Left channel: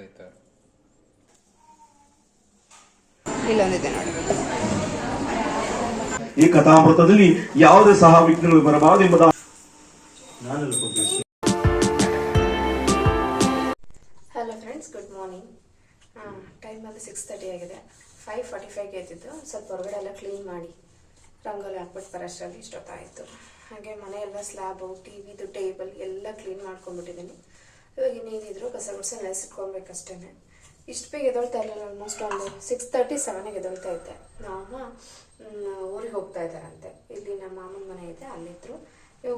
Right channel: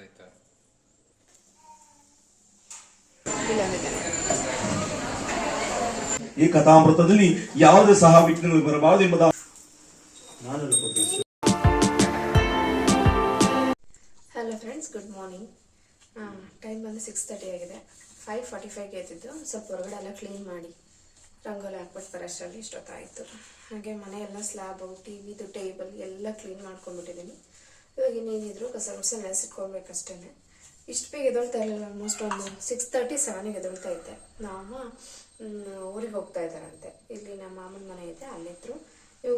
ನೋಡಿ ಈ ಕಥಾಮೃತದಲ್ಲಿ ಯಾವುದೇ ಸಹ ವಿಘ್ನಗಳು ಬರಬಾರದು ಎಂಬುದ hello friends good morning time ಬಂದು ಸಿಕ್ಸ್ ತರ್ಟಿ ಆಗಿದೆ. ಫೈವ್ ಫಾರ್ಟಿ ಫೈವ್ಗೆ ಎದ್ದಿದ್ದು. ಸ್ವಲ್ಪ ಹೊರಗಡೆ ಎಲ್ಲ ಕ್ಲೀನ್ ಮಾಡಿ ರಂಗೋಲಿ ಹಾಕ್ಬಿಟ್ಟು ಬರೋಷ್ಟರಲ್ಲಿ ಇಷ್ಟೊತ್ತಾಯಿತು. ಹಾಗೆ ಮನೆ ಎಲ್ಲ ಸ್ಲ್ಯಾಬು ಟಿ ವಿದು ಟೇಬಲ್ ಎಲ್ಲ ಕ್ಲೀನ್ ಮಾಡ್ಕೊಂಡ್ಬಿಟ್ಟಿದ್ದೀನಿ. ಇವಾಗ ಇನ್ನೇನಿದ್ರು ಕಸ ಗುಡ್ಸ ನೆನೆಸಿಟ್ಕೊಳ್ಬೇಕಷ್ಟೇ ಇಷ್ಟು ಬೇಗ ಎದೊಳ್ತಾ ಇರಲಿಲ್ಲ ಆಲ್ಮೋಸ್ಟ್ ಒಂದು ಸಿಕ್ಸ್ ತರ್ಟಿ ಸೆವೆನಿಗೆ ಎದೊಳ್ತಾ ಇದ್ದೆ. ನಮ್ಮ ಊರಿಗೆ ಹೋಗ್ತಾ ಇದ್ದಾರಂತೆ. ಇಲ್ಲಿ ನಮ್ಮ ಮಾಮನ ಮನೆ ಇದೆ, ಅಲ್ಲಿದ್ರು.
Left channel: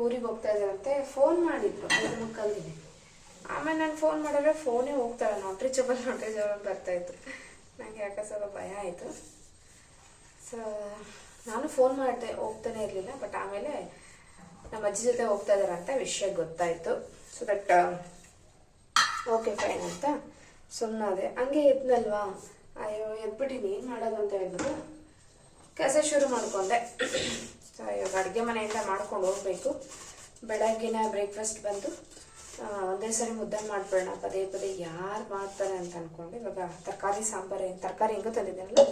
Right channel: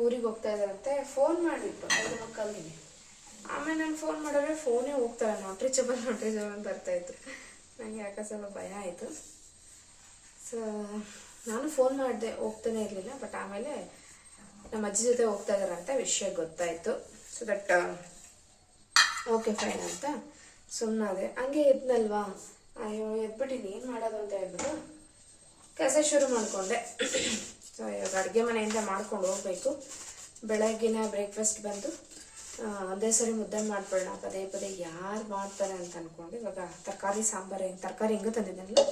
ಊರಿಗೆ ಹೋಗ್ತಾ ಇದ್ದಾರಂತೆ. ಫೋನ್ ಮಾಡಿದ್ರು, ಐದು ಕಲ್ತೀನಿ ಆಮೇಲೆ ನಾನು ಫೋನ್ ಮಾಡಿದ್ರೆ ಫೋನೇ ಹೋಗ್ತಾರೆ ನೋಟ್ರಿ ಚಬಲ್ ನೋಟ್ರಿ ಚಬಲ್ ಬರ್ತಾ ಇತ್ತು ನನಗೆ ಯಾಕೆ ಸ್ವಲ್ಪ ಭಯ ಆಯಿತು. ಸೊ ನಾನು ಫೋನ್ ಮಾಡಿದೆ, ಹೋಗ್ತಾನೆ ಇರಲಿಲ್ಲ ಬಟ್ ಆಮೇಲೆ ನಮ್ಮ ಅಜ್ಜಿ ಜೊತೆ ಹೋಗ್ತಾ ಇದ್ದಾರೆ ಅಂತ ವಿಷಯ ಗೊತ್ತಾಯಿತು. ಸೊ ದಟ್ ಓಕೆ ಫೈನ್ ಅಂತ ಸುಮ್ಮನಾದೆ ಹಂಗೆ ಎದ್ನಲ್ವಾ ಅಯ್ಯೋ, ಎದ್ಬಿಟ್ಟಿನಿ. ಏನು ಮಾಡೋದು ಅಂತ ಹೇಳ್ಬಿಟ್ಟು ಕೆಲಸ ಶುರು ಮಾಡಿಕೊಂಡೆ. ಸೊ ಇವಾಗ ಅಡುಗೆ ಮನೆಯಿಂದ ಮಾಡ್ಕೊಂಡು ಹೋಗ್ಬೇಕು. ಬೆಳಗ್ಗಿನ ಬ್ರೇಕ್ಫಾಸ್ಟ್ ಬಂದು ಒಂದೇ ಸರಿ ಮುದ್ದೆ ಮಾಡ್ಬಿಡೋಣ ಪದೇ ಪದೇ ಯಾರು ಮಾಡ್ತಾರೆ ಅಂತ ಅಂದ್ಕೊಂಡು ಇವಾಗ ತರಕಾರಿ, ಸಾಂಬಾರು, ತರಕಾರಿ ಹೆಂಗೂ ತಂದಿದ್ದೀನಲ್ಲ?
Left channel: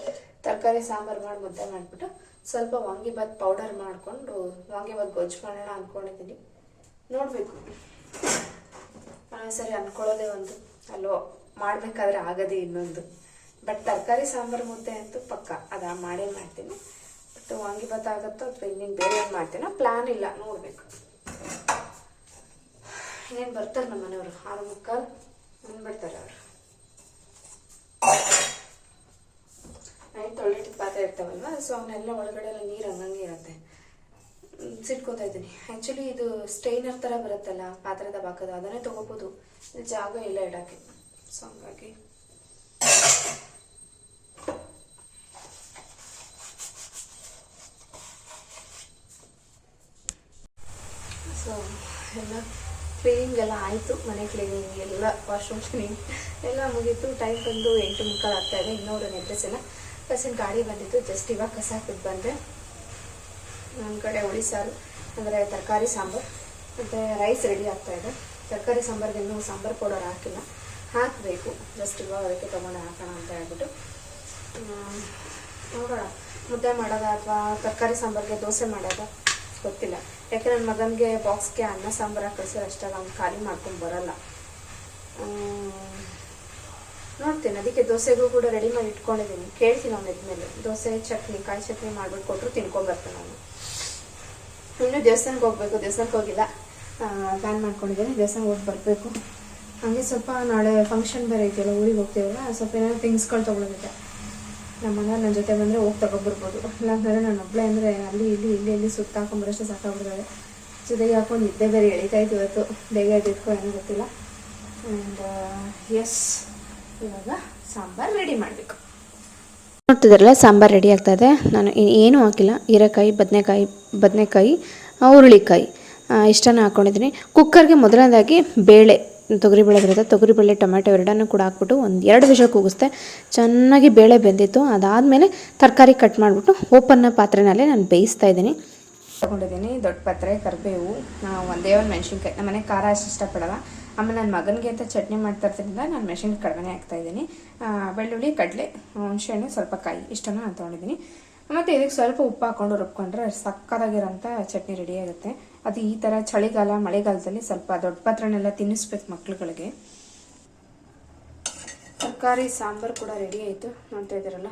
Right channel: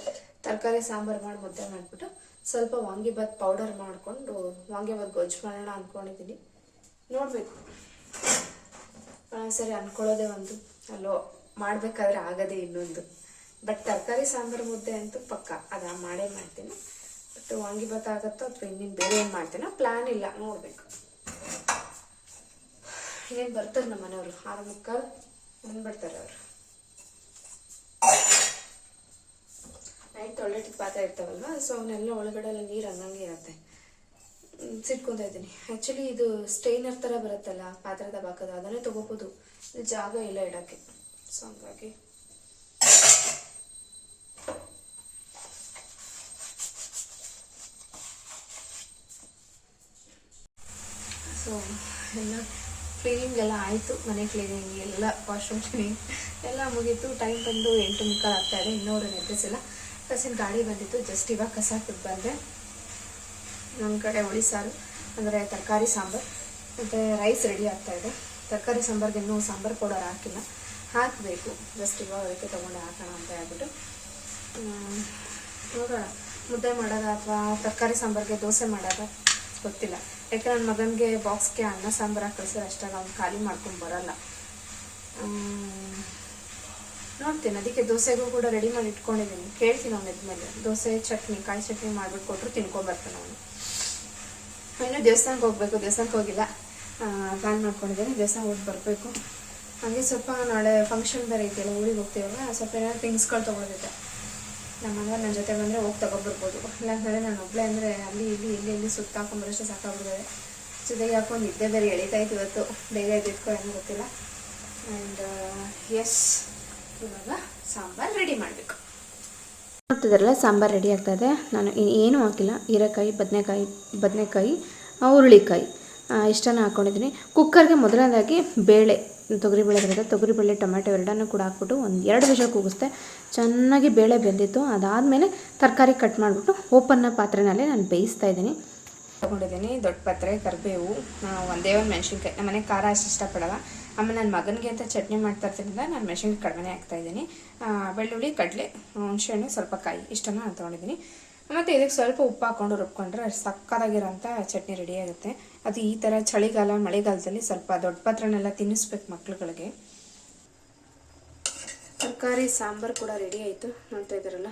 ತರಕಾರಿ, ಸಾಂಬಾರು ಮಾಡಿ ಮುದ್ದೆ ಮಾಡಿಬಿಟ್ಟು ಸ್ವಲ್ಪ ವಾಂಗಿಬಾತ್ ಪೌಡರ್ ಮಾಡಿಕೊಂಡು ವಾಂಗಿಬಾತ್ ಗೊಜ್ಜು ಮಾಡೋಣ ಅಂದ್ಕೊಂಡಿದ್ದೀನಿ ನೋಡಬೇಕು. ಸರಿ, ಅನ್ಕೊಳ್ಳೋದೇ ಒಂದು. ಅಲ್ಲೋ, ಮಾಡಬೇಕಾದ್ರೆ ಆಗದೆ ಇನ್ನೊಂದು. ಬಟ್ ತರಕಾರಿ, ಸಾಂಬಾರು, ಮುದ್ದೆ ಅಂತೂ ಪಕ್ಕ. ಅದ ಮಾಡೇ ಮಾಡ್ತೀನಿ. ಬಟ್ ವಾಂಗಿಬಾತ್ ಆಗುತ್ತೋ ಅಥವಾ ಇನ್ನೇನು ಬೇರೆ ಏನು ಮಾಡ್ತೀನೋ ಪ್ಲ್ಯಾನ್ ಇಲ್ಲ, ನೋಡಬೇಕು. ಇನ್ನೇನು ಬರ್ತಾರೆ ನಮ್ಮ ಮನೆಯವರು? ಆರು ಮುಕ್ಕಾಲು ಬಂದ್ಬಿಡ್ತಾರೆ ಅವರು. ನೈಟ್ ತೊಳೆದಿಟ್ಟು ಪಾತ್ರೆ ಇರ್ತಾವಲ್ವ? ಸೊ ಅವನ್ನೆಲ್ಲ ಒಳಗಡೆ ಎಲ್ಲ ನೀರು ಹಂಗಂಗೆ ಇರುತ್ತೆ. ಸಿಟ್ಕೊಂತ ಇದ್ದೀನಿ. ಆ್ಯಕ್ಚುಲಿ ಇದು ಸ್ಟೈನರ್ ಥರ ಬರುತ್ತಲ್ಲ, ಪಾತ್ರದ ಬಾಕದ ಅದನ್ನೇ ತೊಗೋಬೋದು. ಜಾಗ ಇಲ್ಲ ಇಡೋಕ್ಕೆ. ಸೊ ಹಂಗಾಗಿ. ಸೊ ಎಲ್ಲ ಕ್ಲೀನಿಂಗ್ ಎಲ್ಲ ಆಯಿತು. ಮನೆ ಕ್ಲೀನಿಂಗ್ ಎಲ್ಲ ವಾಶ್ರೂಮ್ ಕ್ಲೀನಿಂಗ್ ಎಲ್ಲ ಮುಗೀತು. ಟೈಮ್ ಬಂದು ಎಂಟು ಮುಕ್ಕಾಲು ಆಗ್ತಾ ಇದೆ. ಇನ್ನೂರು ಎಲ್ಲ ಕಸಿನ ಗಾಡಿ ಬಂದಿತ್ತು. ಜಸ್ಟ್ ಇವಾಗ ಕಸ ಹಾಕಿದ್ ಬಂದೆ. ನಮ್ಮ ಕಡೆ ಹುಳಿ ಸಾರು, ಅಂದರೆ ತರಕಾರಿ ಸಾಂಬಾರು, ಮತ್ತು ರೈಸ್ ರೆಡಿ ಆಗ್ತಾ ಇದೆ. ತರಕಾರಿ ಸಾಂಬಾರ್ಗೆ ಇನ್ನೂ ಸಾಂಬಾರು ಪೌಡರ್ ಹಾಕಿಲ್ಲ. ಹಾಕಬೇಕು. ಜಸ್ಟ್ ಇವಾಗ ಅದಕ್ಕೆ ತೊಗೊಂಡು ಹಾಕೋಣ ಅಂತ ಹೇಳ್ಬಿಟ್ಟು. ನೋಡೋಣ. ಮುದ್ದೆ ಮಾಡೋದ ಅಥವಾ ತರಕಾರಿ ಸಾಂಬಾರಿಗೆ ದೋಸೆ ಮಾಡೋದು? ಗೊತ್ತಿಲ್ಲ. ಯಾಕೆ ನನ್ನ ಮಗನಿಗೆ ಬಾಕ್ಸ್ಗೆ ಅನ್ನ ಸಾಂಬಾರು ಹಾಕಿಸಿದ್ರೆ ಅಷ್ಟಾಗ ಅವ್ನು ಖಾಲಿ ಮಾಡ್ಕೊಂಡು ಬರಲ್ಲ. ನೋಡ್ತೀನಿ. ಅದಕ್ಕೆ ದೋಸೆಗೂ ಕೂಡ ರೆಡಿ ಮಾಡಿ ಇಟ್ಕೊಂಡಿದ್ದೀನಿ. ಕೇಳ್ತೀನಿ ಅವ್ನು ಇದ್ಮೇಲೆ. ದೋಸೆ, ಚಟ್ನಿ, ಕಾಯಿ ಚಟ್ನಿ ಮಾಡ್ಬಿಟ್ಟು ಕೊಟ್ಟರು ತಿನ್ಕೊಂಬರ್ತಾನೆ ಅವನು. ಇನ್ನು ದೇವಸ್ಥಾನಕ್ಕೆ ಹೋಗ್ಬೇಕು, ದೇವಸ್ಥಾನಕ್ಕೆ ಹೋಗಿಲ್ಲ. ಪ್ಲ್ಯಾನ್ ಮಾಡ್ಕೊಂಡಿದ್ದೀನಿ, ದೇವಸ್ಥಾನಕ್ಕೆ ಹೋಗಿ ಬರಬೇಕು. ಹಾಗೆ ಸ್ವಲ್ಪ ನಾಳೆ ಫಂಕ್ಷನ್ ಬೇರೆ ಇದೆಯಲ್ಲ ಊರಿಗೆ ಹೋಗ್ತೀವಲ್ಲ ಸ್ವಲ್ಪ ಏನಾದ್ರು ಥಿಂಗ್ಸ್ಗಳು ತೊಗೊಳೋದಿದೆ. ನಮ್ಮ ಮನೆಯವ್ರು ನನ್ನ ಜೊತೆ ಬಂದರೆ ಹೋಗಿ ತಗೊಬರ್ಬೋದು. ಇಲ್ಲಾಂತಂದರೆ ನಾನು ಒಬ್ಬಳೇ ಅಂದರೆ ಅಲ್ಲಿ, ಇಲ್ಲಿ ಇಲ್ಲಿ ಇಲ್ಲಿ ಸುತ್ತಾಕೊಂಬರಷ್ಟು ಸಾಕಾಗ್ಬಿಡ್ತದೆ ಜೊತೆಗೆ ಹಾಕೊಂಡು ನಿದ್ದೆ ಬೇರೆ ಎಳಿತಾ ಇತ್ತು ಇವತ್ತು. ಬೇಗ ಎದ್ದಿದ್ಕೋ ಏನು ಗೊತ್ತಿಲ್ಲ. ಆ್ಯಂಡ್ ಎಸ್ ಇವಾಗ ಸಾಂಬಾರು ರೆಡಿ ಮಾಡಬೇಕು. ನೋಡ್ತಿದ್ರಲ್ಲ, ಸಾಂಬಾರು ರೆಡಿ ಆಗ್ತಾ ಇದೆ ನಾನು ಏನೂ ಹಾಕಿಲ್ಲ. ಹೀರೆಕಾಯಿ, ಬದನೆಕಾಯಿ ಬದನೆಕಾಯಿ, ಹುರುಳಿಕಾಯಿ. ಇಷ್ಟನ್ನು ಹಾಕ್ಕೊಂಡಿದ್ದೀನಿ ಕುಕ್ಕರ್ಗೆ ಮೊದಲನೇದಾಗಿ ಬೇಳೆ ತೊಗರಿಬೇಳೆ ಬರುತ್ತೆ ತೊಗರಿಬೇಳೆ ಟೊಮೆಟೊ ಎರಡನ್ನೂ ಕೂಡ ಹಾಕ್ಬಿಟ್ಟು ಒಂದು ಎರಡು ವಿಷ ಕೂಗಿಸ್ದೆ. ಚೆನ್ನಾಗಿ ಬೇಳೆ ಬೆಂದಿತ್ತು. ಅದಾದಮೇಲೆ ತರಕಾರಿ ಕಟ್ ಮಾಡಿಬಿಟ್ಟು ಓಪನ್ನ ಪಾತ್ರೆನಲ್ಲೇ ನಾನು ಬೇಯಿಸ್ತಾ ಇದ್ದೀನಿ. ತಗೊಂಡಿದ್ದೀನಿ ದೊಡ್ಡ ಪತ್ರೆ, ಕರಿಬೇವು. ಒಂದೇ ಒಂದು ಮೆಣಸಿನ್ಕಾಯಿ ನಮ್ಮ ಮನೆ ಖಾರ ಅಷ್ಟು ಇಷ್ಟಪಡಲ್ಲ. ಆಮೇಲೆ ನನ್ನ ಮಗನಿಗೆ ಅಂತ ಚಟ್ನಿ ಮಾಡ್ತಾ ಇರ್ತಿದ್ರಿಂದ ನಾನು ಮೆಷಿನ್ಗೆ ಕಡಿಮೆ ಹಾಕ್ತಾ ಇದ್ದೀನಿ. ಬೆಳ್ಳುಳ್ಳಿ, ಕಡಲೆ, ಹುಣಸೆಹಣ್ಣು, ಸ್ವಲ್ಪ ಕಾಯಿ, ಇಷ್ಟನ್ನು ನಾನು ತೊಗೊಂಡಿದ್ದೀನಿ. ಮತ್ತು ಇದಕ್ಕೆ ಸ್ವಲ್ಪ ಉಪ್ಪು ಹಾಕ್ಕೊಂಡು ರುಬ್ಕೊಂಡ್ರೆ ಸಕ್ಕತ್ತಾಗಿರೋಂಥ ಚಟ್ನಿ ರೆಡಿ ಆಗುತ್ತೆ. ಅದು ಈ ಥರ ಚಳಿಗಾಲ, ಮಳೆಗಾಲದಲ್ಲಿ ಸ್ವಲ್ಪ ದೊಡ್ಡ ಪಾತ್ರನೆಲ್ಲ ತಿನ್ನಿಸ್ಬೇಕು ಮಕ್ಳುಗಳಿಗೆ. ತರಕಾರಿ, ಸಾಂಬಾರು ಕೂಡ ರೆಡಿ ಆಯಿತು. ನೋಡ್ತಾ ಇದ್ದೀರಲ್ಲ?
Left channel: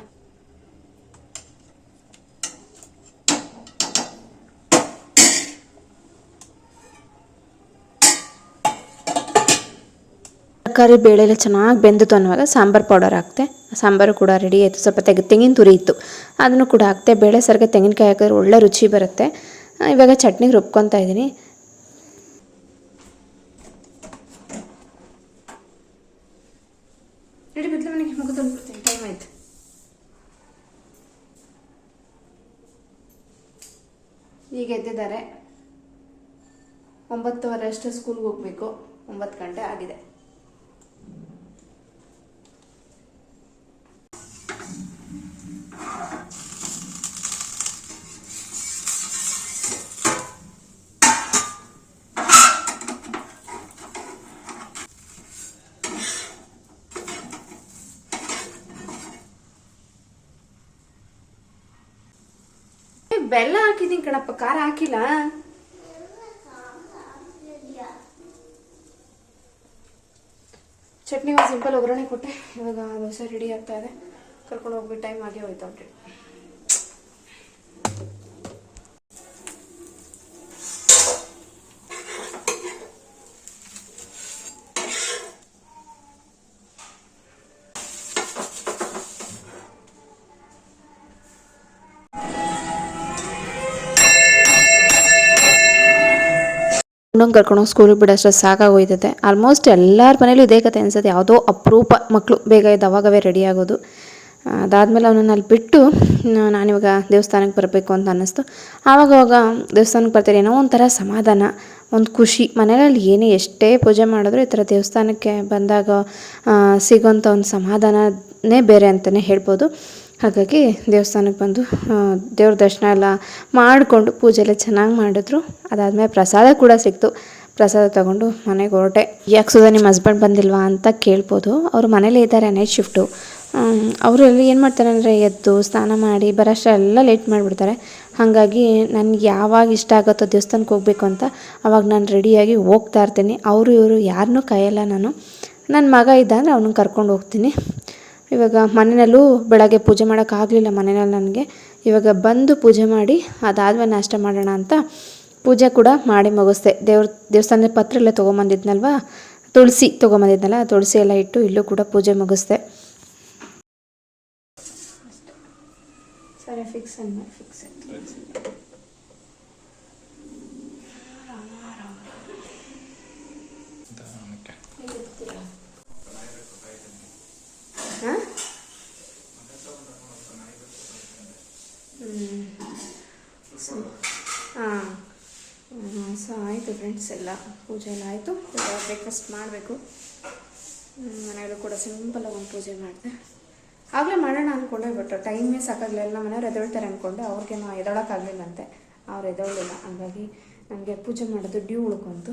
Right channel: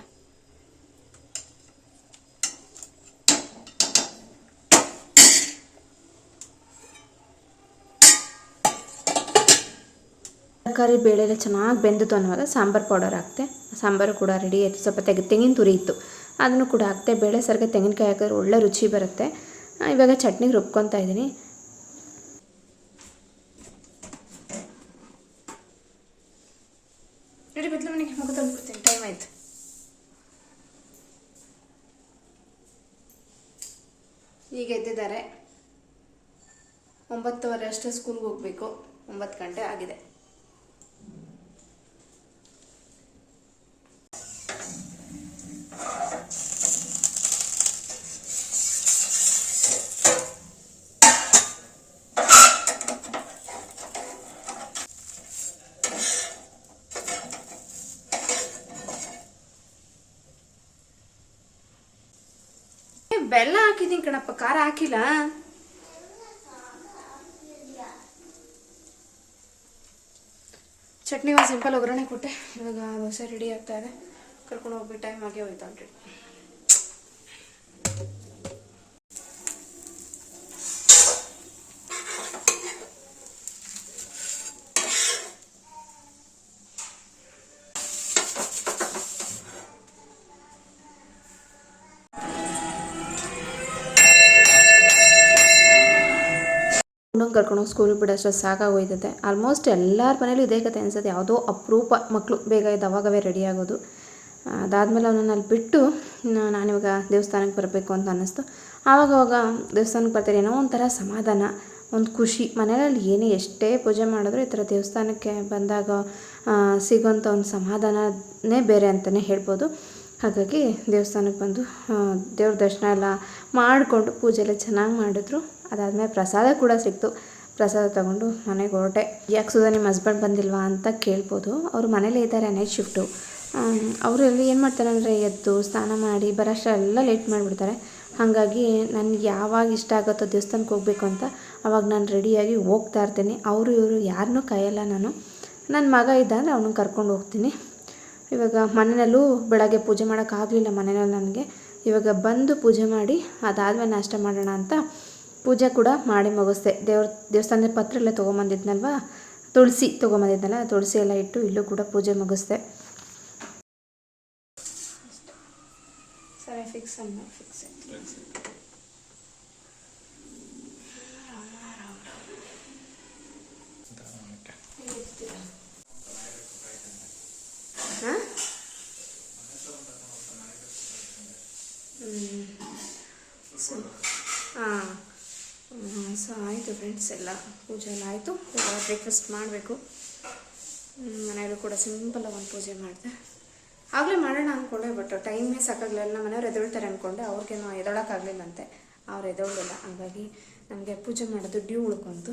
ತರಕಾರಿ ಬೇಳೆ ಎಲ್ಲ ಚೆನ್ನಾಗಿ ಬೆಂದಿತ್ತು ಅನ್ನುವಾಗ ಸಾಂಬಾರು ಪೌಡರ್ ಹಾಕ್ತೆ. ಸಾಂಬಾರು ಕೂಡ ರೆಡಿ ಆಯಿತು. ಸ್ವಲ್ಪ ತೆಗೆ ತೆಂಗಿನ ತುರಿ ಇತ್ತು. ಅದನ್ನು ಕೂಡ ಹಾಕ್ತೆ. ಬೇಳೆ ಸರ್ಗೆ ತೆಂಗಿನಕಾಯಿ ಹಾಕಿದ್ರೆ ಒಳ್ಳೆ ರುಚಿ ಬರುತ್ತೆ. ಇವಾಗ ಚಟ್ನಿಗೆ ರುಬ್ಕೊತಾ ಇದ್ದೀನಿ. ಟೈಮ್ ಈಗ ಎದ್ದಿದ್ದಾರೆ. ಒಂಬತ್ತುವರೆ ಅಷ್ಟು ಸ್ಕೂಲ್ಗೆ ಹೋಗಬೇಕು. ಒಂಬತ್ತು ಗಂಟೆ ಆಗಿದೆ. ಕಣಪ್ಪ, ಖಾರ ಹಾಕಿಲ್ಲ? ಚಟ್ನಿ ಒಂದು ಸಿಂಪಲ್ ಒಗ್ಗರಣೆ ಕೊಟ್ಟೆ. ಇವಾಗ ದೋಸೆ ರೆಡಿ ಆಗ್ತಾ ಇದೆ. ಕರ್ಕೊಂಡು ಹೋಗ್ಬಿಟ್ಟು ಟೈಮ್ ಆಗೇ ಹೋಯ್ತು ಆಲ್ರೆಡಿ ಹುಡುಗ ಕರ್ಕೊಂಡು ಸ್ಕೂಲಿಗೆ ಬಿಡೋಷ್ಟು ಸಾಕಾಗೋಯ್ತದೆ ಆಲ್ಮೋಸ್ಟ್ ಎಲ್ಲರ ಮನೇಲೂ ಇದೇ ಕತೆ ಅನಿಸುತ್ತೆ. ಯಾವುದೋ ಅಪರೂಪ ಮಕ್ಕಳು ಬೇಗ ಇದ್ದು ಅವಾಗವೇ ರೆಡಿ ಆಗೋದು. ಅದಾದಮೇಲೆ ಅವನನ್ನು ಅಲ್ಲಿ ಬಿಟ್ಟು ನಾನಿವಾಗ ದೇವಸ್ಥಾನಕ್ಕೆ ಬರಬೇಕು ಅಂತ ಅನ್ನಿಸ್ತು. ಆವಾಗವಾಗ ದೇವಸ್ಥಾನಕ್ಕೆ ಬರ್ತಾರೆ, ಏನೋ ಒಂಥರ ಸಮಾಧಾನ, ಒಂದು ಖುಷಿ. ಮನೆಯಲ್ಲಿ ಏನೇ ಎಷ್ಟೇ ಪೂಜೆ ಮಾಡಿದ್ರು ಈ ಥರ ದೇವಸ್ಥಾನಕ್ಕೆ ಬಂದಾಗ ಸಿಗೋಂಥ ಒಂದು ಸಮಾಧಾನನೇ ಬೇರೆ ಅಂತಲೇ ಹೇಳ್ಬೋದು. ಹಾಗಾಗಿ ದೇವಸ್ಥಾನಕ್ಕೆ ಬಂದು ದೇವ್ರ ದರ್ಶನ ಎಲ್ಲ ಮಾಡಿಕೊಂಡು ಪೂಜೆ ಎಲ್ಲ ಚೆನ್ನಾಗಿ ಮಾಡಿದ್ರು. ಅದಾದಮೇಲೆ ಪ್ರಸಾದ ಕೂಡ ಸಿಕ್ತು. ಪ್ರಸಾದ ತಗೊಂಡು ಮನೆಗೆ ಹೊರಟೆ. ಯಾಕೆ ಸುಧಾ ನಿಮ್ಮ ಹಸ್ಬೆಂಡ್ ಬಂದಿಲ್ವಾ ಅಂತ ಕೇಳ್ಬೋದು. ಅವರು ಮನೇಲೇ ಇದ್ದಾರೆ ನೈಟ್ ಶಿಫ್ಟು ಅವರು ಎಲ್ಲಿ ಏನು ಮಾಡ್ತಾರೆ ಅಂದರೆ ಎದ್ದು ಸ್ನಾನ ಮಾಡಿ ಬರೋಷ್ಟ ಎಲ್ಲ ಲೇಟ್ ಮಾಡಿಬಿಡ್ತಾರೆ. ಹಾಗಾಗಿ ನನಗೆ ಯಾವಾಗ ಇಷ್ಟ ಆಗುತ್ತೋ ದೇವಸ್ಥಾನಕ್ಕೆ ಹೋಗಬೇಕು ಅಂತ ಅವಾಗ ನಾನು ರೆಡಿಯಾಗಿ ಹೋಗ್ತಾ ಇರ್ತೀನಿ. ಅವರು ಇವರು ಯಾರನ್ನೂ ಕಾಯಲ್ಲ ನಾನು. ನನ್ನ ಮಗ ಇದ್ದ ಅಂದರೆ ಅವನನ್ನು ಕರ್ಕೊಂಡು ಹೋಗ್ತೀನಿ. ಇವಾಗ ಮನೆಯಲ್ಲೂ ಬೆಳಗ್ಗೆ ಪೂಜೆ ಮಾಡೋಕ್ಕಾಗಲಿಲ್ಲ ಮನೆಯಲ್ಲಿ ನನಗೆ. ಇವಾಗ ಬಂದು ಪೂಜೆ ಮಾಡಿ, ಅದಾದ್ಮೇಲೆ ನಾಷ್ಟ ಮಾಡೋಣ ಅಂತ ಪೂಜೆ ಕೂಡ ಮಾಡಿ ಮುಗಿಸ್ದೆ. ದೇವ್ರ, ದೇವಸ್ಥಾನದ ಪತ್ರ ಎಲ್ಲ ತೊಗೊಂಬಂದಿದ್ನಲ್ವ? ತುಳಸಿ ತೊಗೊಂಬಂದಿದ್ನಲ್ಲ ತುಳಸಿ ಎಲ್ಲ ಇಟ್ಟು ಇಲ್ಲೂ ಕೂಡ ಪೂಜೆ ಮುಗಿಸ್ದೆ. ಸರಿ ಫಿಕ್ಸ್ ಫಿಕ್ಸ್ ಹಾಂ ಹಾಂ ಸೊ, ಆಯಿತು ಫ್ರೆಂಡ್ಸ್ ಎಲ್ಲ. ಪೂಜೆ ಎಲ್ಲ ಆಯಿತು. ಬ್ರೇಕ್ಫಾಸ್ಟ್ ಮಾಡಬೇಕು. ಮನೆಯಲ್ಲೂ ಕೂಡ ಸಿಂಪಲಾಗಿ ಒಂದು ಪೂಜೆ ಮಾಡಿದೆ. ಆಗಲೇ ಮಾಡೋಣ ಅಂದ್ಕೊಂಡೆ ಬಟ್ ಟೈಮೇ ಸಾಕಾಗಲಿಲ್ಲ. ಎಲ್ಲ ಮನೆಯವ್ರು ಎದೊಳ್ತಾರೆ ಅಂದ್ಕೊಂಡೆ ಅವ್ರಿಗೇನು ಎದೊಳಕ್ಕಾಗಲಿಲ್ಲಂತೆ ಅವ್ರು ಎದೊಳ್ಳಿಲ್ಲ ಹಾಗಾಗಿ ನಮಗೆ ಪೂಜೆ ಮಾಡೋದು ಡ್ಯೂ ಉಳ್ಕೊಂತು.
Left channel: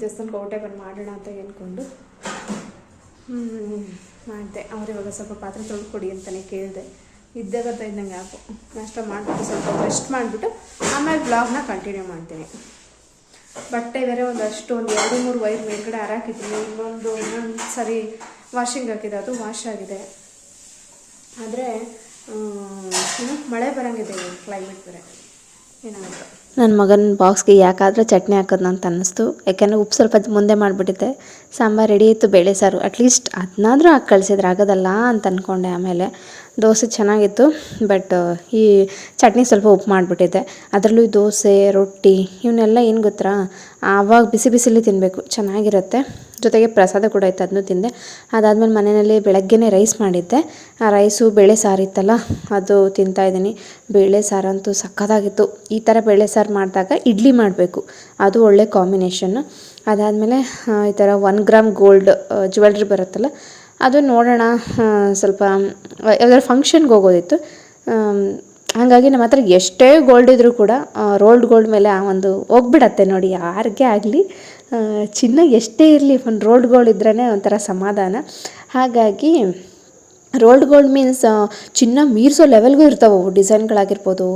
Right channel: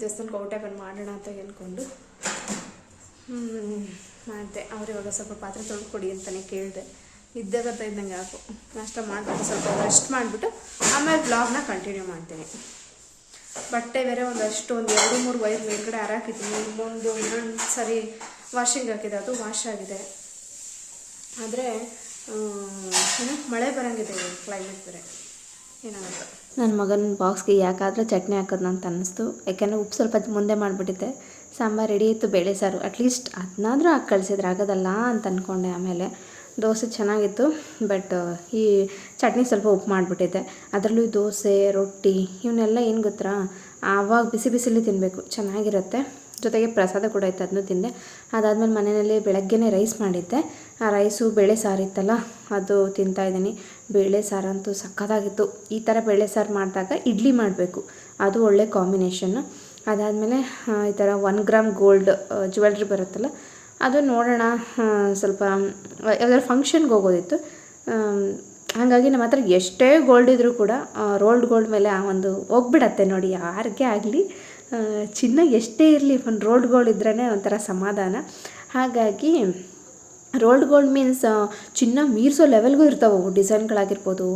ದೇವಸ್ಥಾನಕ್ಕೆ ಔಟೇ ಬಂದು ಮಾಡೋಣ ಅಂತ ಹೇಳ್ಕೊಂಡು. ಮಾಡಿದೆ. ಅವ್ರು ಇವಾಗ ಸ್ವಲ್ಪ ಪಾತ್ರೆ ತೊಳ್ಕೊಡಿ ಅಂತಲೇ ಕೇಳಿದೆ. ಇದ್ದಾಗತ್ತ ಇದ್ದಂಗೆ ಯಾಕೋ ನಾಷ್ಟ ಮಾಡಿಬಿಟ್ಟು ಸ್ವಲ್ಪ ರೆಸ್ಟ್ ಮಾಡಿಬಿಟ್ಟು ಆಮೇಲೆ ಬ್ಲಾಗ್ನ ಕಂಟಿನ್ಯೂ ಮಾಡ್ತೀನಿ. ಬಟ್ಟೆ ಬೇರೆ ಒಂದಷ್ಟು ಒಂದು ಎರಡು ಮೂರು ವೈರ್ ಮೇಲ್ಗಡೆ ಹಾರಾಕಿದ್ದೀನಿ. ಇನ್ನೊಂದು ಇನ್ನೊಂದು ಸರಿ ವಾಷಿಂಗ್ ಹಾಕಿದೆ. ಅದು ವಾಶ್ ಆಗಿದೆ. ಆದರೆ ಇನ್ನು ಮಳೆ ಬರೋಂಗಿದೆ ಕ್ಲೈಮೇಟ್ ಬೇರೆ. ನನ್ನ ಮಗನ ಬಾಕ್ಸ್ಗೆ ಯಾಕಾದರೂ ಚಟ್ನಿ ಹಾಕೋದು ಅಂತ ಅನ್ನಿಸ್ತು ಯಾಕೆಂದರೆ ಉಪ್ಪು ಸ್ವಲ್ಪ ಮುಂದೆ ಮಾಡಿಬಿಟ್ಟಿದ್ದೆ. ಸಾಂಬಾರು ರೆಡಿ ಇತ್ತು ಬೇಳೆ ಸಾರು. ಅಟ್ಲೀಸ್ಟ್ ಅದನ್ನಾದರೂ ಹಾಕಿ ಕಳಿಸಿದ್ರೆ ಆಗೋದಲ್ಲ ಅಂತ ಅಂದ್ಕೊಂಡೆ ಆಮೇಲೆ. ದೋಸೆ ಚೆನ್ನಾಗಿತ್ತು. ಬಟ್ ಈ ಚಟ್ನಿ ಸ್ವಲ್ಪ ಉಪ್ಪು ಮಾಡಿಬಿಟ್ಟಿದ್ದೆ. ಅದರಲ್ಲೂ ದೋಸೆ, ರೊಟ್ಟಿ ಇವನ್ನೆಲ್ಲ ಏನು ಗೊತ್ತಾ? ಆವಾಗ ಬಿಸಿ ಬಿಸಿಲಿ ತಿನ್ನಬೇಕು ಚೆನ್ನಾಗಿರುತ್ತೆ. ಜೊತೆಗೆ ಪ್ರಸಾದ ಕೂಡ ಇತ್ತು ಅದನ್ನು ತಿಂದೆ. ಅದಾದಮೇಲೆ ಮನೆಯಲ್ಲಿ ಬೆಳಗ್ಗೆನೇ ರೈಸ್ ಮಾಡಿದ್ದೆ. ಆ ರೈಸು ಬೇಳೆ ಸಾರು ಇತ್ತಲ್ಲ, ಅದು ತಿಂತಾಯಿದ್ದೀನಿ ಬೇಳೆ ಸಾರಂತೂ ಸಕ್ಕತ್ತಾಗಿತ್ತು. ಈ ಥರ ಬೇಳೆ ಸಾರು ಮಾಡಿದಾಗ ಇಡ್ಲಿ ಮಾಡಬೇಕು. ಅದು ಒಳ್ಳೆ ಕಾಂಬಿನೇಷನ್ನು ಅದಾದಮೇಲೆ ಈ ಥರ ಒನ್ ಗ್ರಾಮ್ ಗೋಲ್ಡ್ ಜ್ಯುವೆಲ್ರಿ ಬರುತ್ತಲ್ಲ, ಅದು ನೋಡೋಣ ಸ್ವಲ್ಪ, ಯಾವ್ದಾದ್ರು ಫಂಕ್ಷನ್ಗೆ ಹೋಗೋದಿತ್ತು. ಹಾಗಾಗಿ ನಮ್ಮ ಹತ್ರ ಎಷ್ಟೇ ಗೋಲ್ಡ್ ಇದ್ದರೂ ಕೂಡ ರೋಲ್ಡ್ ಗೋಲ್ಡ್ ಮೇಲೆ ಆ ಒಂದು ಹೋಗ್ಬಿಡತ್ತೆ ನೋಡಿ, ಯಾರಿಗೆ ಆಗಲಿ. ಚಿನ್ನ ಎಷ್ಟೇ ಇರಲಿ, ಒಂದು ರೋಡ್ಗಳು ಗೋಲ್ಡ್ ಇದ್ರೇ ಒಂಥರ ಸಮಾಧಾನ. ಹಾಗಾಗಿ ರೋಲ್ಡ್ ಗೋಲ್ಡ್ ಮೀನ್ಸ್ ಚಿನ್ನ ಮೀರಿಸೋ ಲೆವೆಲ್ಗೂ ಇರ್ತಾವೆ ಡಿಸೈನ್ಗಳಾಗಿರ್ಬೋದು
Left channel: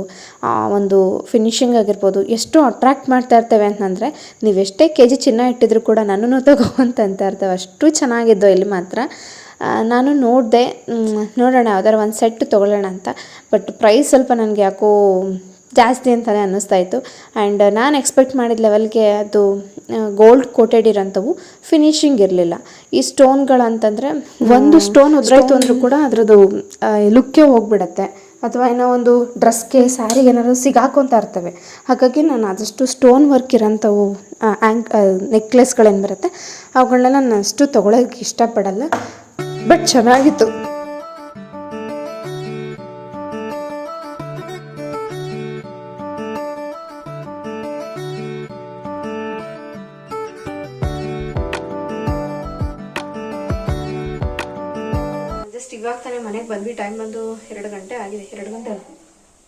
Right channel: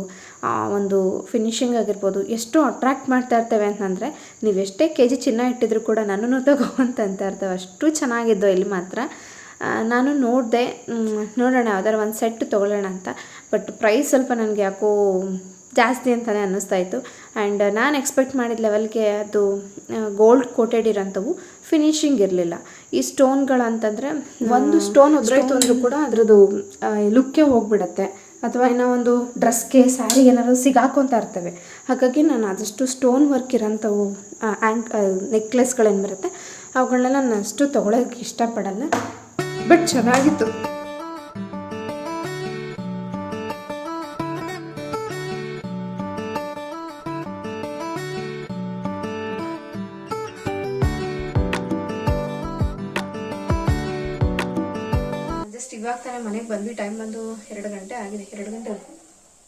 ಒಂದು ಫಿನಿಶಿಂಗ್ ಆಗಿರ್ಬೋದು, ಎಷ್ಟು ಅಟ್ರ್ಯಾಕ್ಟ್ ಮಾಡ್ತಾ ಇರ್ತವೆ ಅಂತಂದರೆ, ನೀವು ಎಷ್ಟೇ ಕೆ ಜಿ ಚಿನ್ನ ಇಟ್ಟಿದ್ರು ಕೂಡ ನನ್ನನ್ನು ತಗೋ ಅಂತ ಅಂತ ಇರ್ತವೆ. ಅಷ್ಟು ಚೆನ್ನಾಗಿದ್ದೋ ಇಲ್ಲಿ ಮಾತ್ರ. ನಾನು ನೋಡಿದೆ ನೋಡೋಣ, ಯಾವ್ದಾರು ಒಂದು ಸೆಟ್ ತೊಗೊಳ್ಳೋಣ ಅಂತ. ಬಟ್ ಪ್ರೈಸ್ ಸ್ವಲ್ಪ ನನಗೆ ಯಾಕೋ ಜಾಸ್ತಿ ಅಂತಲೇ ಅನ್ನಿಸ್ತಾ ಇತ್ತು. ಆ್ಯಂಡ್ ನಾನು ಎಕ್ಸ್ಪೆಕ್ಟ್ ಮಾಡಿದ ಲೆವೆಲ್ಗೆ ಅದು ಗೋಲ್ಡ್ ಕೋಟೆಡ್ ಇರೋಂಥವು ಫಿನಿಶಿಂಗ್ ಇರಲಿಲ್ಲ. ಈ ಸ್ಟೋನ್ಗಳಂತಂದರೆ ಒಂದು ಸ್ಟೋನ್ ಉದ್ರಾಯ್ತು ಅಂದರೂ ಕೂಡ ಅದರದ್ದು ಲುಕ್ಕೇ ಹೋಗ್ಬಿಡತ್ತೆ. ಅಥವಾ ಏನೋ ಒಂದು ಡ್ರೆಸ್ಗೆ ಸ್ಯಾರಿಗೆ ಏನಾದರೂ ಸಿಗಾಕೊಂತ ಇರ್ತವೆ. ಹಾಗಾಗಿ ನಾನು ಆದಷ್ಟು ಸ್ಟೋನ್ ವರ್ಕ್ ಇರೋಂಥವು ಆ್ಯಂಕ್ ನೆಕ್ಲೆಸ್ಗಳೇನು ಬರುತ್ತೆ ಅವುಗಳನ್ನೆಲ್ಲ ನಾನು ಅಷ್ಟು ತೊಗೊಳಕ್ಕೆ ಇಷ್ಟಪಡಲ್ಲ. ಬಟ್ ಚೆನ್ನಾಗಿತ್ತು.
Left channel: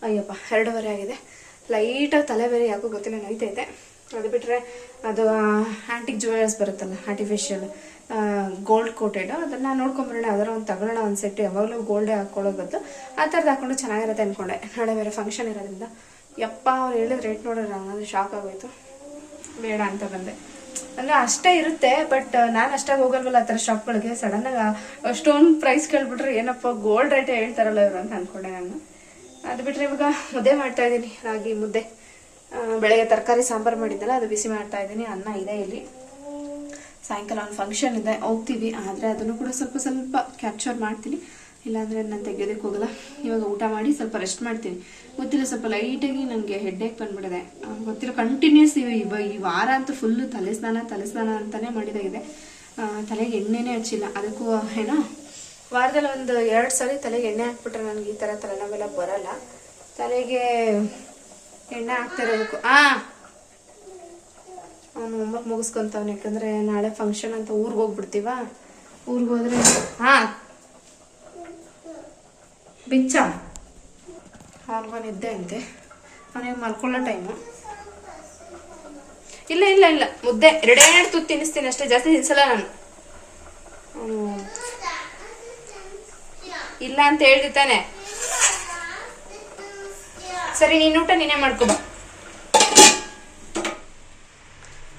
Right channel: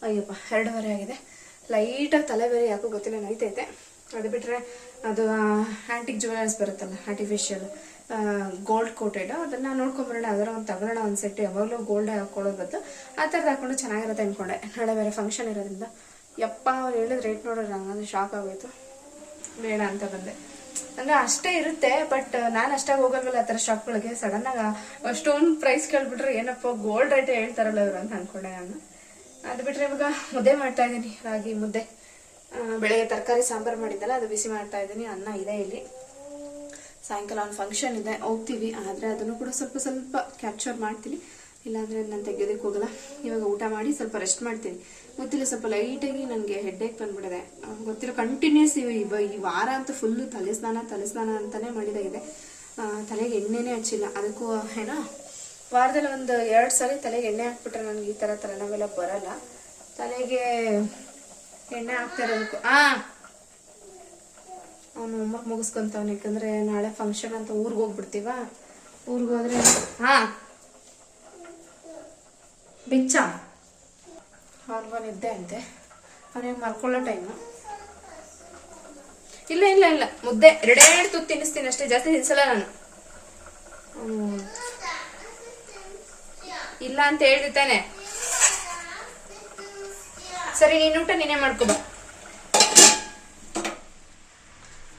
ಅಯ್ಯಪ್ಪ, ಎರಡೂವರೆ ಆಗಿದೆ. ಲೈಟಾಗಿ ತಲೆ ಬೇರೆ ಯಾಕೋ ಗೊತ್ತಿಲ್ಲ ನೈತೈತೆ ಅದು ಬಿಟ್ಟರೆ ಅದು ಆ್ಯಂಟಿಕ್ ಜುವೆಲರ್ಸ್ ಬರುತ್ತಲ್ಲ ಆರ್ಟಿಫಿಷಿಯಲ್ ಗೋಲ್ಡ್ ಕೋಟೆಡ್ ಅದನ್ನು ನೋಡ್ಕೊಂಬರೋಣ ಅದರ ಒಂದು ತಗೊಳ್ಳೋಣ ಒಂದು ಸೆಟ್ ಯಾವಾಗಲೂ ಗೋಲ್ಡೇ ಹಾಕೊಳ್ಳೋ ಬದ್ದು ಆ ಥರದ್ದು ಹಾಕೊಂಡು ಚೆನ್ನಾಗಿರುತ್ತೆ ಅಂದ್ಕೊಂಡೆ ನಾಳೆ ಬೇರೆ ಫಂಕ್ಷನ್ ಇರೋದ್ರಿಂದ. ಯಪ್ಪ, ಅವ್ರು ಹೇಳಿದ ರೇಟ್ ನೋಡೋಣ ಅಂದರೆ ಶಾಕ್ ಆಗೋಯ್ತು. ಬೇಡ ಅಂತ ಬಂದೆ. ಅಂದ್ರೆ ಅಷ್ಟೇ ಇರುತ್ತೆ ಬಟ್ ನಾನು ಅಷ್ಟಾಗಿ ಹೋಗಲ್ವಲ್ಲ ಆ ಥರ ಶಾಪ್ಗಳಿಗೆ ಸಡನ್ನಾಗಿ ಅಷ್ಟೊಂದು ಪ್ರೈಸ್ ಕೇಳ್ಬಿಟ್ರೆ ಏನಪ್ಪ ಗೋಲ್ಡ್ ರೇಟೇ ಹೇಳ್ತಾರಲ್ಲ ಇವರು ಅಂತ ಅನ್ಕೊಂಡೆ ನಾನು. ಅದು ಬಿಟ್ರೆ ಇವಾಗ ಮುದ್ದೆ ಮಾಡ್ತಾ ಇದ್ದೀನಿ ರಾಗಿ ಮುದ್ದೆ. ಬೆಳಗ್ಗೆ ತರಕಾರಿ ಸಾಂಬಾರು ಮಾಡಿದ್ದಲ್ಲ ಅದು ಬಿಸಿ ಮಾಡ್ತಾ ಇದ್ದೀನಿ ಅನ್ನ ಇದೆ ಇಲ್ಲಿ. ಸಾಯಂಕಾಲ ಒಂದು ಫಂಕ್ಷನ್ ಇದೆ ಹೋಗ್ತೀವಿ ಆದರೆ ಅದನ್ನು ಕೂಡ ಸ್ವಲ್ಪ ಸ್ವಲ್ಪ ಕ್ಯಾಪ್ಚರ್ ಮಾಡ್ತೀನಿ. ಇಲ್ಲಾಂದರೆ ನಾನು ತೆಗಿಯೋದಕ್ಕೆ ಹೋಗಲ್ಲ. ಇವಾಗ ಊಟ ಮಾಡಿ ಸ್ವಲ್ಪ ರೆಸ್ಟ್ ಮಾಡ್ತೀನಿ. ಗೊತ್ತಿಲ್ಲ ಸ್ವಲ್ಪ ಲೈಟಾಗಿ ನನಗೆ ಹೆಡ್ಡೇಕ್ ಬಂದ್ಬಿಟ್ಟಿದೆ. ಆ, ಗೊತ್ತಿಲ್ಲ ಕಂಟಿನ್ಯೂಸ್ ಇವ ಈ ವಾರ ಅಂತೂ ಫುಲ್ಲು ತಲೆ ಸ್ನಾನ ತಲೆ ಸ್ನಾನ ಅಂತಲೇ ಮಾಡಿದಾಗಿದೆ. ತಲೆಗೆ ಎಣ್ಣೆನೇ ಹಚ್ಚಿಲ್ಲ. ಅದಕ್ಕೂ ಏನೋ ವಾರದಲ್ಲಿ ಒಂದು ಎರಡು ಸರಿ ತಲೆಗೆ ಎಣ್ಣೆ ಹಾಕ್ಬಿಟ್ರೆ ನನಗೆ ಈ ಥರ ತಲೆನೋವೆಲ್ಲ ಬರಲ್ಲ. ತಲೆಗೆ ಎಣ್ಣೆ ಹಾಕ್ತಾ ಇರೋದಕ್ಕೂ ಹಾಂ ಅವನು ಹೋಮ್ವರ್ಕ್ ಮುಗಿಸ್ಕೊಂತವ್ನು, ಯಾಕಂದ್ರೆ ನಾಳೆ ಫಂಕ್ಷನ್ ಅಂತ ಊರಿಗೆ ಹೋಗ್ಬಿಡ್ತೀವ? ಊರಿಗೆ ಹೋದ್ರೆ ಹಾ ಬಿಚ್ಚ. ಅವ್ನಿಗೂ ನಿದ್ದೆ ಅಂತೆ. ಅವನಿಗೆ ಮಲ್ಕೊಳ್ಳೋ ಟೈಮು ಇಲ್ಲ ಇಲ್ಲ ಇಲ್ಲ. ಮುದ್ದೆ. ಎರಡೆರಡು ತುತ್ತು ತಿನ್ನಿಸ್ತೀನಿ ಅಷ್ಟೇ. ಜಾಸ್ತಿ ತಿನ್ಸಲ್ಲ ನಾನು ಅವ್ನು ಇಲ್ಲ ಅಂತ ಹೇಳ್ದಿತ್ತಾನೆ ಸರಿ, ನೀನು ಊಟ ನೀನೇ ಮಾಡ್ಕೊ ಬಾ.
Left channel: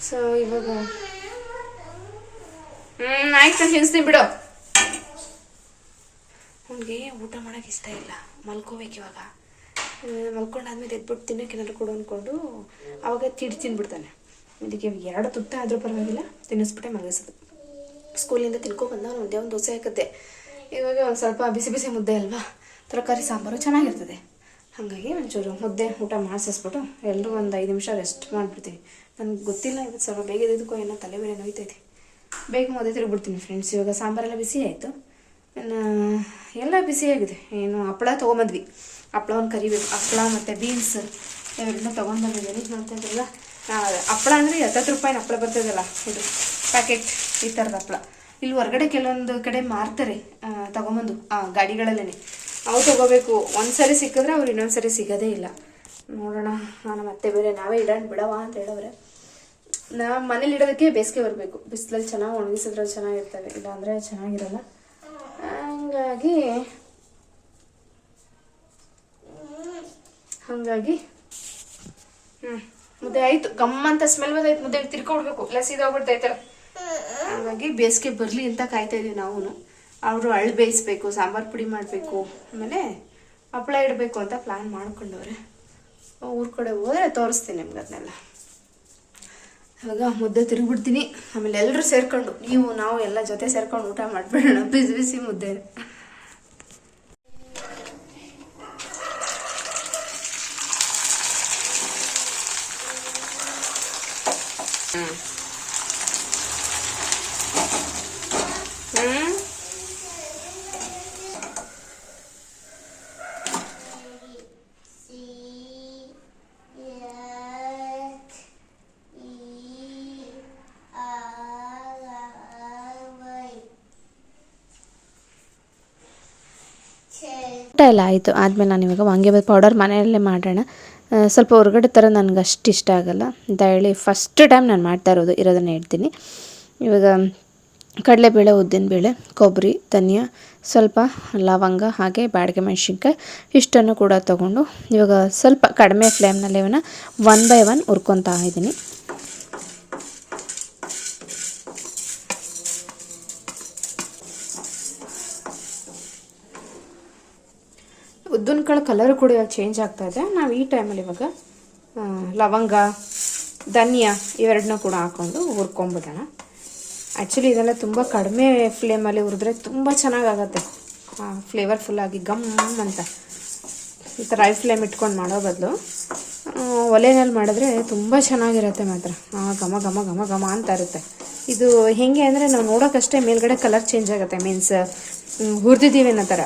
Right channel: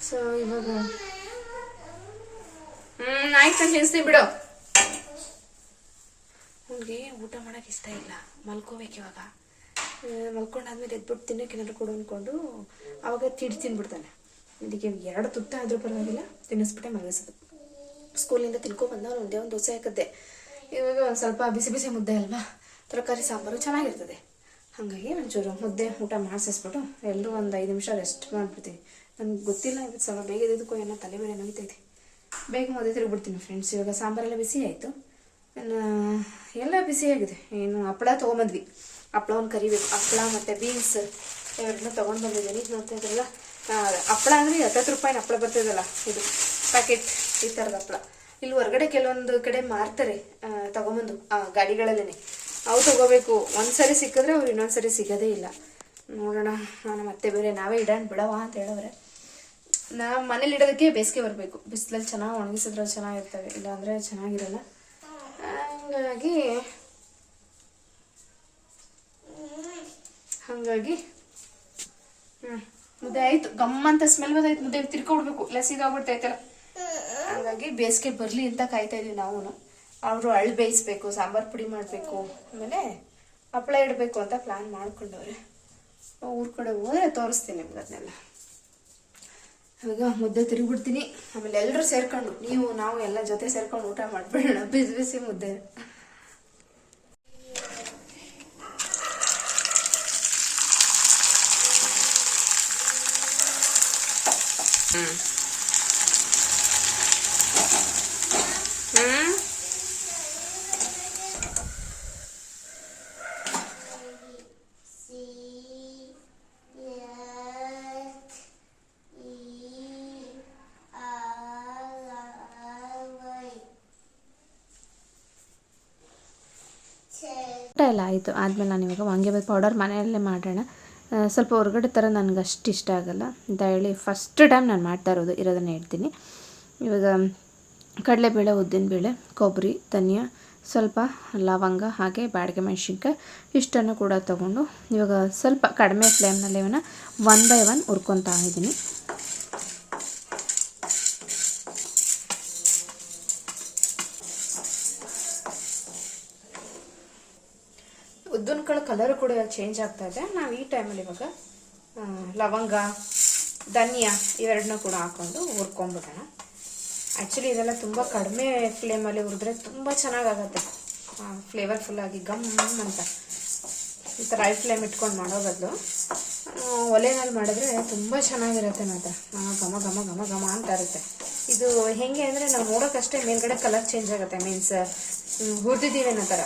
ಸೊ ಇವಾಗ ಹ್ಮ್, ಆಯ್ತು ತಿನ್ಸ್ತೀನಿ ಬಿಡು. ಅವ್ನಿಗೆ ಊಟ ಮಾಡಕ್ಕೆ ಇಷ್ಟ ಇಲ್ಲ. ಮಲ್ಕೋಬೇಕು ಇವಾಗ. ಮಲ್ಕೊಂಡಾದ್ಮೇಲೆ ಎದ್ಬಿಟ್ಟು ತಿನ್ನಕ್ಕೆ ಏನಾದ್ರು ಕೊಡು ಅಂದ್ಕೊಂಡು ಅವಾಗ ತಿಡಿ ತಿನ್ಬಿಡ್ತಾನೆ. ಇದಕ್ಕೆ ಎರಡು ತುತ್ತ ಆದರೂ ಪರವಾಗಿಲ್ಲ, ತಿನ್ನಿಸ್ಬಿಟ್ಟೆ ಮಲಗಿಸೋದು. ಸ್ಕೂಲಿಂದ ಬಂದ ಒಂದೇ ಒಂದು ದೋಸೆ ಹಾಕಿದ್ದೆ ಇವಾಗ ಒಂದು ಸ್ವಲ್ಪ ಬಿಸಿ ಬಿಸಿ ಮುದ್ದೆ ಅಲ್ವಾ? ತರಕಾರಿ, ಸಾಂಬಾರು ಚೆನ್ನಾಗಿರ್ತದೆ. ಹಾಗಾಗಿ ಒಂಚೂರು ಮುದ್ದೆ, ಊಟ ಮಾಡಿಸಿಸ್ಬಿಟ್ಟು ಎಲ್ಲರೂ ಒಂದು ಐದು ನಿಮಿಷ ರೆಸ್ಟ್ ಮಾಡಿಬಿಡ್ತೀವಿ. ನನಗೆ ಗೊತ್ತಿಲ್ಲ ಇವತ್ತು ಸ್ವಲ್ಪ ಬೇಗ ಇದಕ್ಕೋ ಏನೋ ತಲೆ ಬೇರೆ ನೋಯ್ತೈತಿ ಬೇಗ ಮುದ್ದೆ ತಿರುಗ್ಬಿಡ್ತೀನಿ ಫ್ರೆಂಡ್ಸ್ ಇವಾಗ ಸಾಂಬಾರೆಲ್ಲ ಬಿಸಿ ಆಯಿತು. ಎಲ್ಲ ಬಿಸಿಯಾಗಿದೆ ಏನು ಹಪ್ಪಳ ತೊಗೊಂಬಂದ್ವಿ. ಹಪ್ಪಳವನ್ನು ಕರಿಬೇಕು. ಹಪ್ಪಳ ಮತ್ತು ಬೀನ್ಸ್ ಇವೆಲ್ಲ ತೊಗೊಂಡು ಬಂದಿದ್ದೀನಿ ಮತ್ತು ಇದೆಲ್ಲ ಹಪ್ಪಳ ಅಂದರೆ ಹತ್ತತ್ತು ರೂಪಾಯಿನ ಹಪ್ಪಳ ಬರ್ತದಲ್ಲ ಇದು ಪ್ಯಾಕೆಟ್ ಈ ಥರದ ಹಪ್ಪಳ. ಇಲ್ಲಿ ಹೊರಗಡೆ ಕೆಲವೊಂದು ಕಡೆ ಮಾರ್ತಾರೆ ತಗೊಂಬಂದು ಆ, ಗಾಡಿಗಳಲ್ಲೇ ಅವು ತಗೋಬೇಕು. ಒಂದ್ಸರಿ ಸಿಕ್ಕಿದ್ರೆ ಅವ್ರು ಇನ್ನೊಂದ್ಸರಿ ಸಿಗೋದೇ ಇಲ್ಲ. ನೋಡೋಣ ನಾನು ಮತ್ತೆ ಬೇರೆ ನಾವೇ ಇಡೋಣ ಬಿಡವ ಅಂತ ಹೇಳೋರೆ ನಾ ಮನೇಲಿ ಇಡೋದಕ್ಕೆ ಬೇಸಿಗೆ ಬರಬೇಕು. ಬಿಸಿಲಲ್ಲಿ ಚೆನ್ನಾಗಿ ಒಣಗಿಸಿದ್ರೆ ಚೆನ್ನಾಗಿರ್ತವೆ ಇಲ್ಲಾಂದರೆ ಚೆನ್ನಾಗಿರಲ್ಲ. ಹಂಗಾಗಿ ಹಾಗಾಗಿ ಹ್ಞೂ ಮುದ್ದೆ ಆಯಿತು. ಗಮ್ಮಂತ ಸ್ಮೆಲ್ ಬಂದಾಯ್ತು. ಮುದ್ದೆ ತಿರ್ಕೊಡ್ಬೇಕು. ಇಲ್ಲ ಸೀದೋಗ್ಬಿಡ್ತೈತಲ್ಲ ಹಾಗಾಗಿ ಬೇಸಿಗೆ ಬರಲಿ ಅಂತ ಕಾಯ್ತಾ ಇದೀವಿ ನಾವು ಅವರು ಅಳ್ ಬೇಯಿಸ್ಬೇಕು, ಸಾಂಬಾರು ಪುಡಿ ಮಾಡಬೇಕು, ಆಮೇಲೆ ಹಪ್ಪಳ ಇಡಬೇಕು ಅಂತ ಪ್ಲ್ಯಾನ್ ಮಾಡ್ಕೊಂಡವ್ರೆ. ಊರ ಕಡೆ ಹೋದ್ರೆ ತೋರಿಸ್ತೀನಿ ನಿಮ್ಗೆ ಅದನ್ನೆಲ್ಲ ಇವಾಗ ಮುದ್ದೆ ತಿರುಗ್ಬಿಡ್ತೀನಿ. ಆಮೇಲೆ ಎಲ್ಲರೂ ಸೇರ್ಕೊಂಡು, ನೀವು, ನಾವು ಎಲ್ಲ ಜೊತೆ ಸೇರ್ಕೊಂಡು ಊಟ ಮಾಡ್ಬಿಡೋಣ. ಬಿಸಿ ಬಿಸಿ ಮುದ್ದೆ ಹ್ಮ್ ಊಟ ಎಲ್ಲ ಆಯಿತು. ಆದಮೇಲೆ ನಾನು ಇವಾಗ ವಾಂಗಿಬಾತ್ ಪೌಡರ್ ಮನೆಯಲ್ಲೇ ಮಾಡೋಣ. ಸ್ವಲ್ಪ ಹೊರಗಡೆ ಥರ ನನಗೆ ಅಷ್ಟು ಇಷ್ಟ ಆಗಲ್ಲ. ಅಂತ ಹೇಳಿ ಫಸ್ಟ್ ಟೈಮ್ ನಾನು ಮಾಡ್ತಾ ಇರೋದು, ಇರೋದನ್ನು ಹೇಳ್ತೀನಿ. ಇವಾಗ ಕಡಲೆಬೇಳೆ, ಉದ್ದಿನಬೇಳೆ ಕೊಬ್ಬರಿ ಧನಿಯಾ, ಸ್ವಲ್ಪ ಲವಂಗ ಹಾಗೆ ಬಾಡಿಗೆ ಮೆಣಸಿನ್ಕಾಯಿ ಇಷ್ಟನ್ನು ಕೂಡ ತಗೊಂಡು ಇವಾಗ ಸ್ವಲ್ಪ ಕಡಿಮೆ ಫ್ಲೇಮ್ನಲ್ಲಿ ಇವನ್ನ ಒನ್ ಬೈ ಒನ್ ಹುರ್ಕೊತಾ ಇದ್ದೀನಿ ಉದ್ದಿನ ಕಾಳು ಕಲರ್ ಕೂಡ ಚೇಂಜ್ ಆಗ್ತಾ ಇದೆ. ನಾವು ಈ ಟೈಮಲ್ಲಿ ಇವಾಗ ಲವಂಗ, ಧನಿಯಾ ಇವೆರಡನ್ನೂ ಕೂಡ ಹಾಕೊಂಡು ಹುರ್ಕೊಂಬಿಡೋಣ. ಆ್ಯಕ್ಚುಲಿ ಇದೆಲ್ಲ ತುಂಬ ಕಡಿಮೆ ಫ್ಲೇಮಲ್ಲಿ ಹುರಿದ್ರೆ ತುಂಬ ಚೆನ್ನಾಗಾಗತ್ತೆ. ಫ್ಲೇವರ್ಫುಲ್ಲಾಗಿ ಗಮ್ ಅಂತ. ಈ ಥರ ಐ ಫ್ಲೇಮ್ ಇಟ್ಕೊಂಡು ಮಾಡೋ ಬದಲು ಒಲೆನಲ್ಲಿ ಮಾಡಿದ್ರೆ ತುಂಬ ಚೆನ್ನಾಗಿರುತ್ತೆ ಮಾತ್ರ. ಘಮ ಘಮ ಘಮ ಘಮ ಅಂತ ಇರುತ್ತೆ. ಇದು ಹೇಗೆ ಅಂದರೆ ನಾವು ನೋಡೋಕ್ಕಷ್ಟೇ ಮೇಲ್ಗಡೆ ಕಲರ್ ಚೇಂಜ್ ಆಗುತ್ತೆ. ಮೀನ್ಸ್ ಹುರಿದಿದ್ದೀವಿ ಅನ್ನೋ ಥರ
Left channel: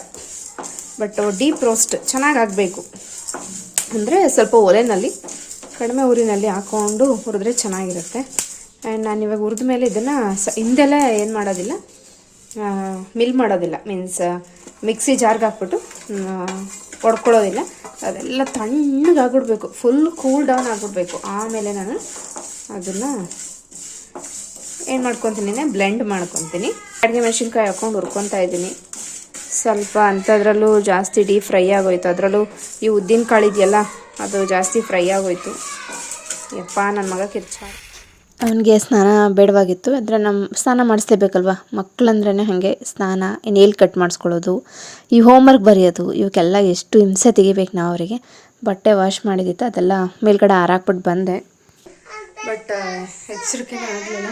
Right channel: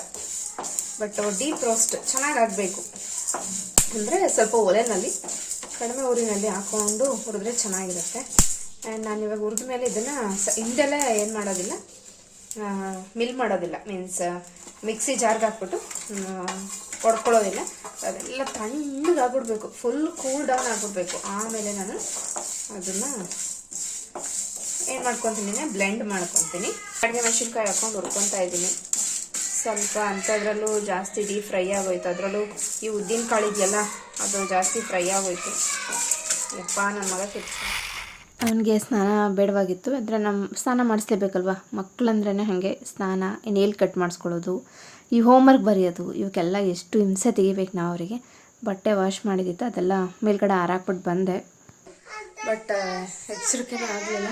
ಬಟ್ ಡೀಪ್ ರೋಸ್ಟ್ ಚೆನ್ನಾಗಾಗಬೇಕು ಅಂದರೆ ಸ್ವಲ್ಪ ಒಲೆನಲ್ಲಿ, ಕಡಿಮೆ ಊರಿನಲ್ಲಿ ಹಾಕ್ಕೊಂಡು ಹುರಿದ್ರೆ ಚೆನ್ನಾಗಿರುತ್ತೆ. ಆ್ಯಂಡ್ ನಾನು ಇವಾಗ ಹುರಿದ ಮೇಲೆ ಇದನ್ನು ಸ, ಹಿಂದೆಲ್ಲ ಏನು ಮಾಡೋದಿಲ್ಲ ಮಿಲ್ ಮಾಡೋದಿಲ್ಲ. ಮೀನ್ಸ್ ಮಿಕ್ಸಿ ಜಾರ್ಗೆ ಹಾಕ್ಬಿಟ್ಟು ಹೊಡ್ಕೊಳ್ಳೋದಿಲ್ಲ ಅದೆಲ್ಲ ತಣ್ಣಗಾಗ್ಬಿಡ್ಬೇಕು. ಫುಲ್ ಕೂಲ್ ಡೌನ್ ಆಗಿಬಿಡ್ಬೇಕು. ಆಮೇಲೆ ನಾನು ಅದನ್ನು ಏನು ಮಾಡ್ಕೊತೀನಿ ಬ್ಲೆಂಡ್ ಮಾಡ್ಕೊತೀನಿ. ಅಡುಗೆ ಮೆಣಸಿನ್ಕಾಯಿ ಹಾಕ್ಕೊಂಡು ಹುರ್ಕೊತಾ ಇದ್ದೀನಿ. ಸ್ವಲ್ಪ ಅಂಥದ್ರಲ್ಲೂ ಜಾಸ್ತಿ ಡೀಪ್ ಫ್ರೈ ಆಗೋಯ್ತು. ಅದರಲ್ಲೂ ಈ ಉದ್ದಿನ ಕಾಳು ಇದೆಯಲ್ಲ ಅದು ಜಾಸ್ತಿ ಫ್ರೈ ಆಗೋಯ್ತು. ಯಪ್ಪ ನನ್ನ ಮಗ ಕಿರ್ಚ. ಅವನಿಗೆ ಸ್ನಾನ ಬೇಡವಾಗಿತ್ತು. ಆದರೆ ನಮ್ಮ ಸ್ನಾನ ಮಾಡಿಸ್ಲೇಬೇಕಲ್ವ? ಮಕ್ಕಳಂದ್ರೇ ಹಾಗೆ ಸ್ನಾನ ನೇಲ್ ಕಟ್ ಮಾಡಿಸ್ಕೊಳ್ಳೋದು ಈ ಹೋಮ್ವರ್ಕ್ ಬರೆಯೋದು ಇವಕ್ಕೆಲ್ಲ ಎಷ್ಟು ಹಿಂಸೆ ತೆಗಿಬೇಕು ನಾವು ಅವರಿಗೆ. ಬಟ್ಟೆ ವಾಶ್ ಮಾಡಿದ್ದಿತ್ತು ಅದೆಲ್ಲ ಮೇಲ್ಗಡೆ ಹಾರಾಕ್ಬಿಟ್ಟು ಬಂದೆ. ಬಟ್ ಎಚ್ಚರಿಕೆನೇ ಆಗಲಿಲ್ಲ.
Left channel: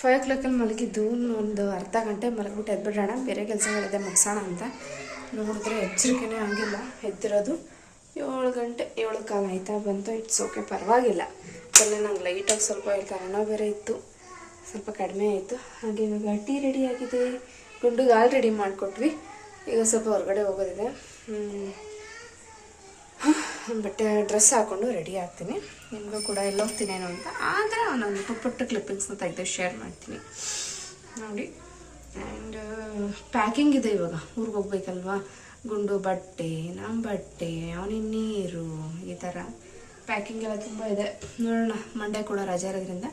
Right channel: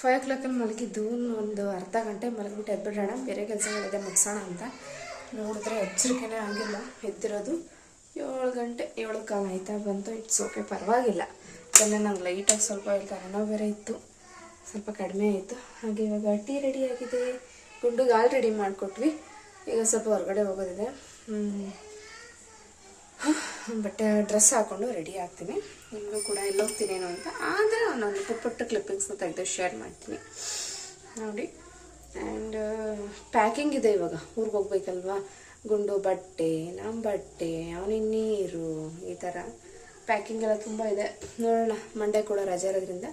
ಫೈವ್ ಓ ಕ್ಲಾಕಲ್ಲಿ ಮಲಗಿದ್ದು ಒಂದು ಅರ್ಧ ಗಂಟೆ ಮಲಗಿಬಿಟ್ಟು ಎದ್ಬಿಡೋಣ. ಬೇರೆ ಕೆಲಸಗಳಿದೆ, ಮುಗಿಸೋಣ ಅಂತ. ನೋಡಿದ್ರೆ ಎಚ್ಚರಿಕೆನೇ ಆಗಿಲ್ಲ ಎದ್ದಿರೋದು ಏಳು ಗಂಟೆ, ಏಳು ಕಾಲ ಆಯ್ತಾ ಬಂತು. ಇಟ್ಸ್ ಓಕೆ ಪರವಾಗಿಲ್ಲ. ಎಲ್ಲ ನಂಗೆ ಲೈಟಾಗಿ ಸ್ವಲ್ಪ ಕಾರಣ ಬೇರೆ ಇತ್ತು. ಸ್ವಲ್ಪ ಕಡಿಮೆ ಆಯಿತು. ಹಾಗೆ ಇವಾಗ ಟೀ ರೆಡಿ ಆಗಿದೆ. ಗುಂಡುಗೆ ಆಲ್ರೆಡಿ ರೆಡಿ ಮಾಡಿಕೊಟ್ವಿ. ಈಗ ಸ್ವಲ್ಪ ಹೊರಗಡೆ ಹೋಗೋದಿದೆ. ಬಟ್ಟೆ ಡ್ರೆಸ್ ಹಾಕೊಂಡು ರೆಡಿ ಆಗ್ತೀನಿ. ನಿಮಗೂ ಕೂಡ ಎಲ್ಲ ಹೋಗ್ತೀನೇನೋ ಅಂತ. ಆದರೆ ನಾನು ಪುಟ್ಟ ಕ್ಲಿಪ್ಪಿಂಗ್ಸ್ನ ತೆಗೆದು ಶೇರ್ ಮಾಡ್ತೀನಿ. ನೋಡಿ. ಆ್ಯಂಡ್ ಪ್ಯಾಕಿಂಗ್ ಇದೆ ಇವಾಗ. ಊರಿಗೆ ಹೋಗ್ಬೇಕಲ್ವಾ? ಗುಂಡು ಬಟ್ಟೆ ನಮ್ಮ ಬಟ್ಟೆ ಅವನಿಗೆ ನೀರು, ಈ ಥರ ಪ್ಯಾಕಿಂಗ್ ಎಲ್ಲ ತುಂಬ ಇದೆ. ನೋಡೋಣ. ಮಂಡೇ ಕೂಡ ರಜೆ ಇರೋದ್ರಿಂದ.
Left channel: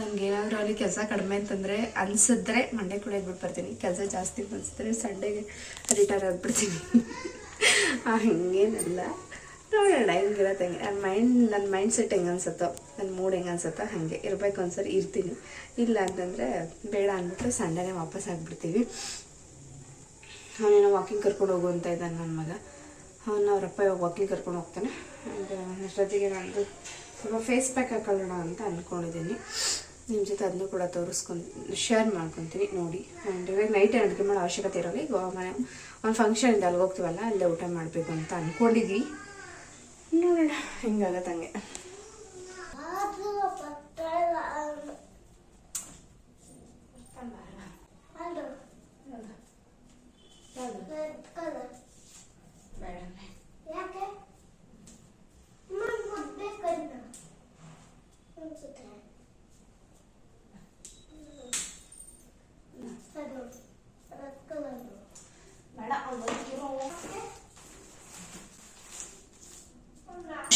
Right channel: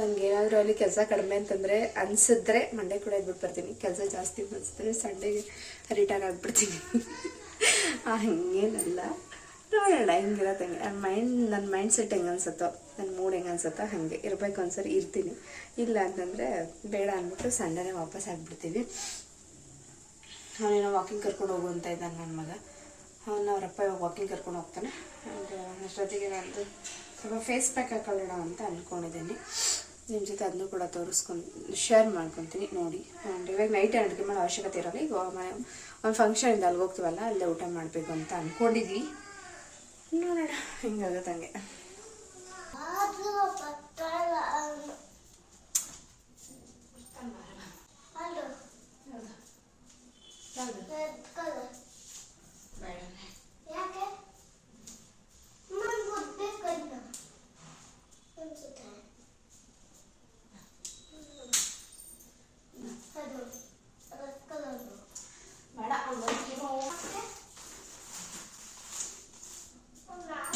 ನನಗೆ ಏನಾದರೂ ಅಲ್ಲಿ ಕೆಲಸ ಕಡಿಮೆ ಅಂತಂದರೆ ಅನಿಸಿದ್ರೆ ಮಂಡೇ ಕೂಡ ಇದ್ಬಿಟ್ಟು ಬರ್ತೀನಿ. ಕೆಲಸ ಜಾಸ್ತಿ ಅನಿಸಿದ್ರೆ ಸಂಡೇಗೆ ರಿಟೈರ್ ಆಗಿಬಿಡ್ತೀನಿ. ಹಿಂಗೇನಲ್ಲ. ನೋಡೋಣ ಹೆಂಗಿರತ್ತೆ ಹೆಂಗೆ ನನ್ನ ಮೈಂಡ್ ನನ್ನ ಮೈಂಡ್ ಸೆಟ್ ಹೆಂಗೆ ಅನ್ಸುತ್ತೋ ನನ್ನ ಮೂಡ್ ಹೆಂಗೆ ಅನ್ಸುತ್ತೋ ಹಾಗೆ. ಇರ್ಬೇಕು ಒಂದ್ಸರಿ ಇರ್ತೀನಿ. ಇಲ್ಲ ಅಂತಂದರೆ ಬೇಡ ಅಂದ್ಬಿಟ್ಟು ಸಂಡೇನೇ ವಾಪಸ್ ಆಗಿಬಿಡ್ತೀವಿ. ಅವನೇನೋ ವಾಕಿಂಗ್ ಕರ್ಕೊಂಡು ಹೋಗು ಅಂತ ಇದ್ದಾನೆ ನನ್ನ ಮಗ. ಅವನ್ನ ಅವರಪ್ಪ ಇವಾಗ ವಾಕಿಂಗ್ ಕರ್ಕೊಂಡು ಹೋಗ್ತಾನೆ. ಅಷ್ಟೊತ್ತಿಗೆ ನಾನು ಸ್ವಲ್ಪ ಫೇಸ್ ಪ್ಯಾಕ್ ಹಾಕೊಳ್ಳೋಣ ಅಂತ ಅಂದ್ಕೊಂಡಿದ್ದೀನಿ ನಿಮ್ಮ ಜೊತೆ ಅದನ್ನು ಕೂಡ ತೋರಿಸ್ಕೊಂಡು ಶೇರ್ ಮಾಡ್ಕೊತೀನಿ ನೋಡಿ. ಆ್ಯಂಡ್ ಇವಾಗ ನೈಟ್ ಅಡುಗೆ ಮಾಡೋ ಅವಶ್ಯಕತೆ ಇರೋಲ್ಲ. ಈಗ ಮನೆ ಒಂದು ಫಂಕ್ಷನ್ ಇದೆ ಅಲ್ಲಿಗೆ ಹೋಗ್ತೀವಲ್ಲ ಅಲ್ಲೇ ಊಟ ಮಾಡಬೇಕು ಅಂತ ಅಂದ್ಕೊಂಡಿದ್ವಿ ನೋಡೋಣ ಹೆಂಗಾಗತ್ತೆ ಹಂಗೆ